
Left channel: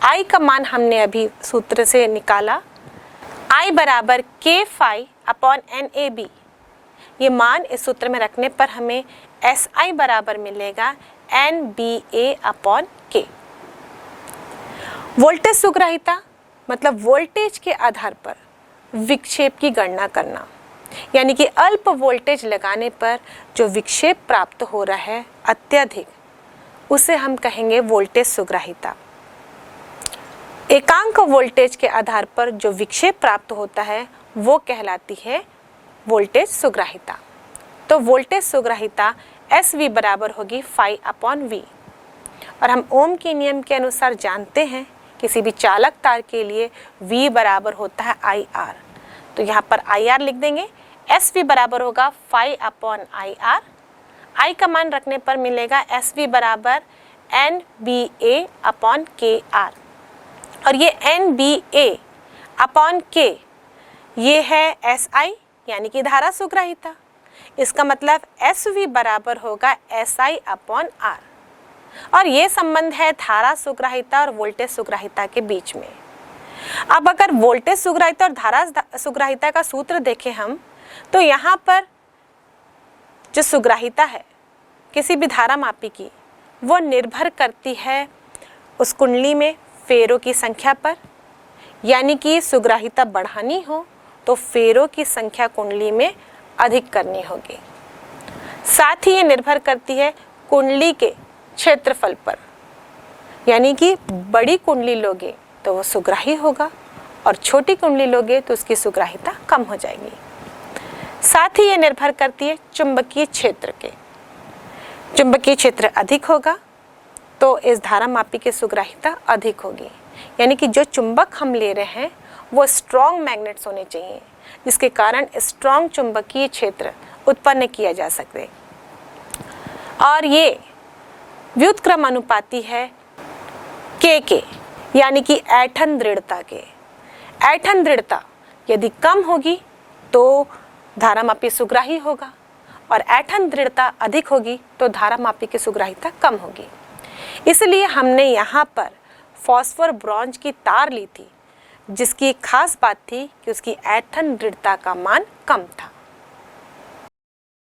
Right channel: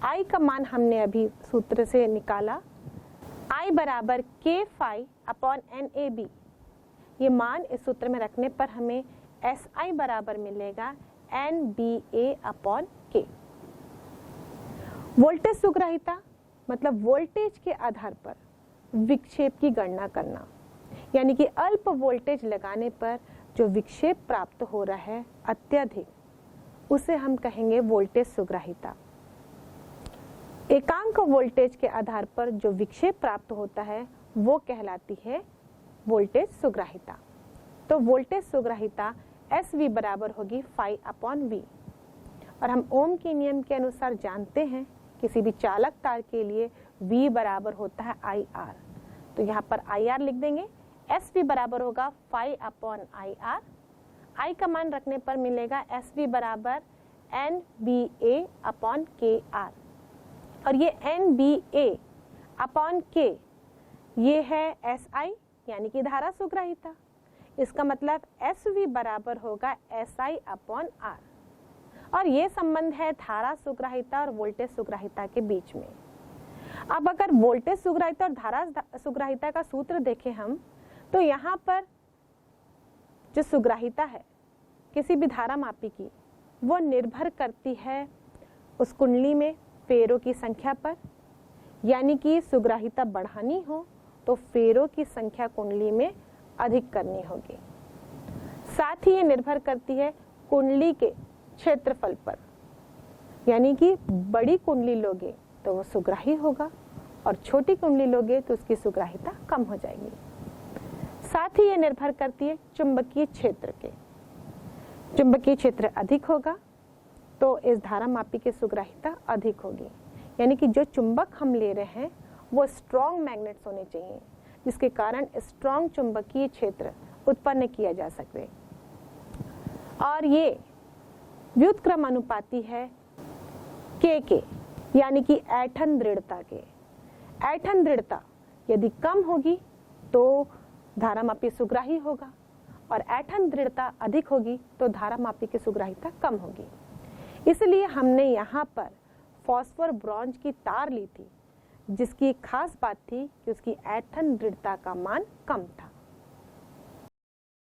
I का मान हमने अभी सूत्र से निकाला, I बराबर K∅/NAB। ये मान इस सूत्र में रखने पर हमें SI बराबर मिलेगा NBA/K। वोल्टेज सुग्राहिता मतलब वोल्टेज के आधार पर विक्षेप की गणना करना, यानी कि अल्प वोल्टेज लगाने पर जो विक्षेप प्राप्त हो रहा है अत्यधिक, उसे हम कहेंगे वोल्टेज सुग्राहिता। एकांक वोल्टेज के आधार पर जो विक्षेप प्राप्त होता है वो कहलाती है वोल्टेज सुग्राहिता। तो वोल्टेज सुग्राहिता SV बराबर होगी φ/V, और हम ओम के नियम के अनुसार जानते हैं किसी भी चालक तार के लिए V बराबर होता है IR। तो यहाँ पर IR लिख देंगे। SV बराबर होगा φ/IR। I का मान रखने पर मिलेगा SV बराबर NBA अपॉन KR, और ये NBA अपॉन K ये है SI यानी कि धारा सुग्राहिता। इसका मतलब SV बराबर होगा SI अपॉन R, और ये संबंध है धारा सुग्राहिता और वोल्टेज सुग्राहिता के बीच में। अब अगर वोल्टेज सुग्राहिता और धारा सुग्राहिता का सूत्र देखें हम, तो यहाँ पर जो सुग्राहिता है किसी भी धारा मापी की, वो निर्भर करती है उस कुंडली में फेरों की संख्या पर, यानी कि सुग्राहिता बढ़ानी हो तो फेरों की संख्या कुंडली में अधिक करनी होगी। साथ ही ये निर्भर करती है कुंडली के क्षेत्रफल पर, यानी कि बड़ी कुंडली लोगे तो वो सुग्राही होगा और छोटी कुंडली लोगे तो उसकी सुग्राहिता कम हो जाएगी। साथ ही ये निर्भर करती है चुंबकीय क्षेत्र के। चुंबकीय क्षेत्र अधिक होगा तो इस धारा मापी की सुग्राहिता अधिक होगी, यानी कि जो चुंबक हम ले रहे हैं वो स्ट्रॉन्ग मैग्नेट्स होने चाहिए, जिसके कारण स्ट्रॉन्ग चुंबकीय क्षेत्र उत्पन्न किया जा सके। और ये व्युत्क्रमानुपाती है के, यानी कि ऐंठन दृढ़ता के। ऐंठन दृढ़ता यदि कम होगी तो धारा मापी सुग्राही होगा, और ऐंठन दृढ़ता अधिक होगी तो धारा मापी की सुग्राहिता कम होगी। इसलिए हमने यहाँ पर फॉस्फोर ब्रॉन्ज की तार ली थी, जिसकी एक खास बात थी कि उसकी ऐंठन दृढ़ता का मान कम था।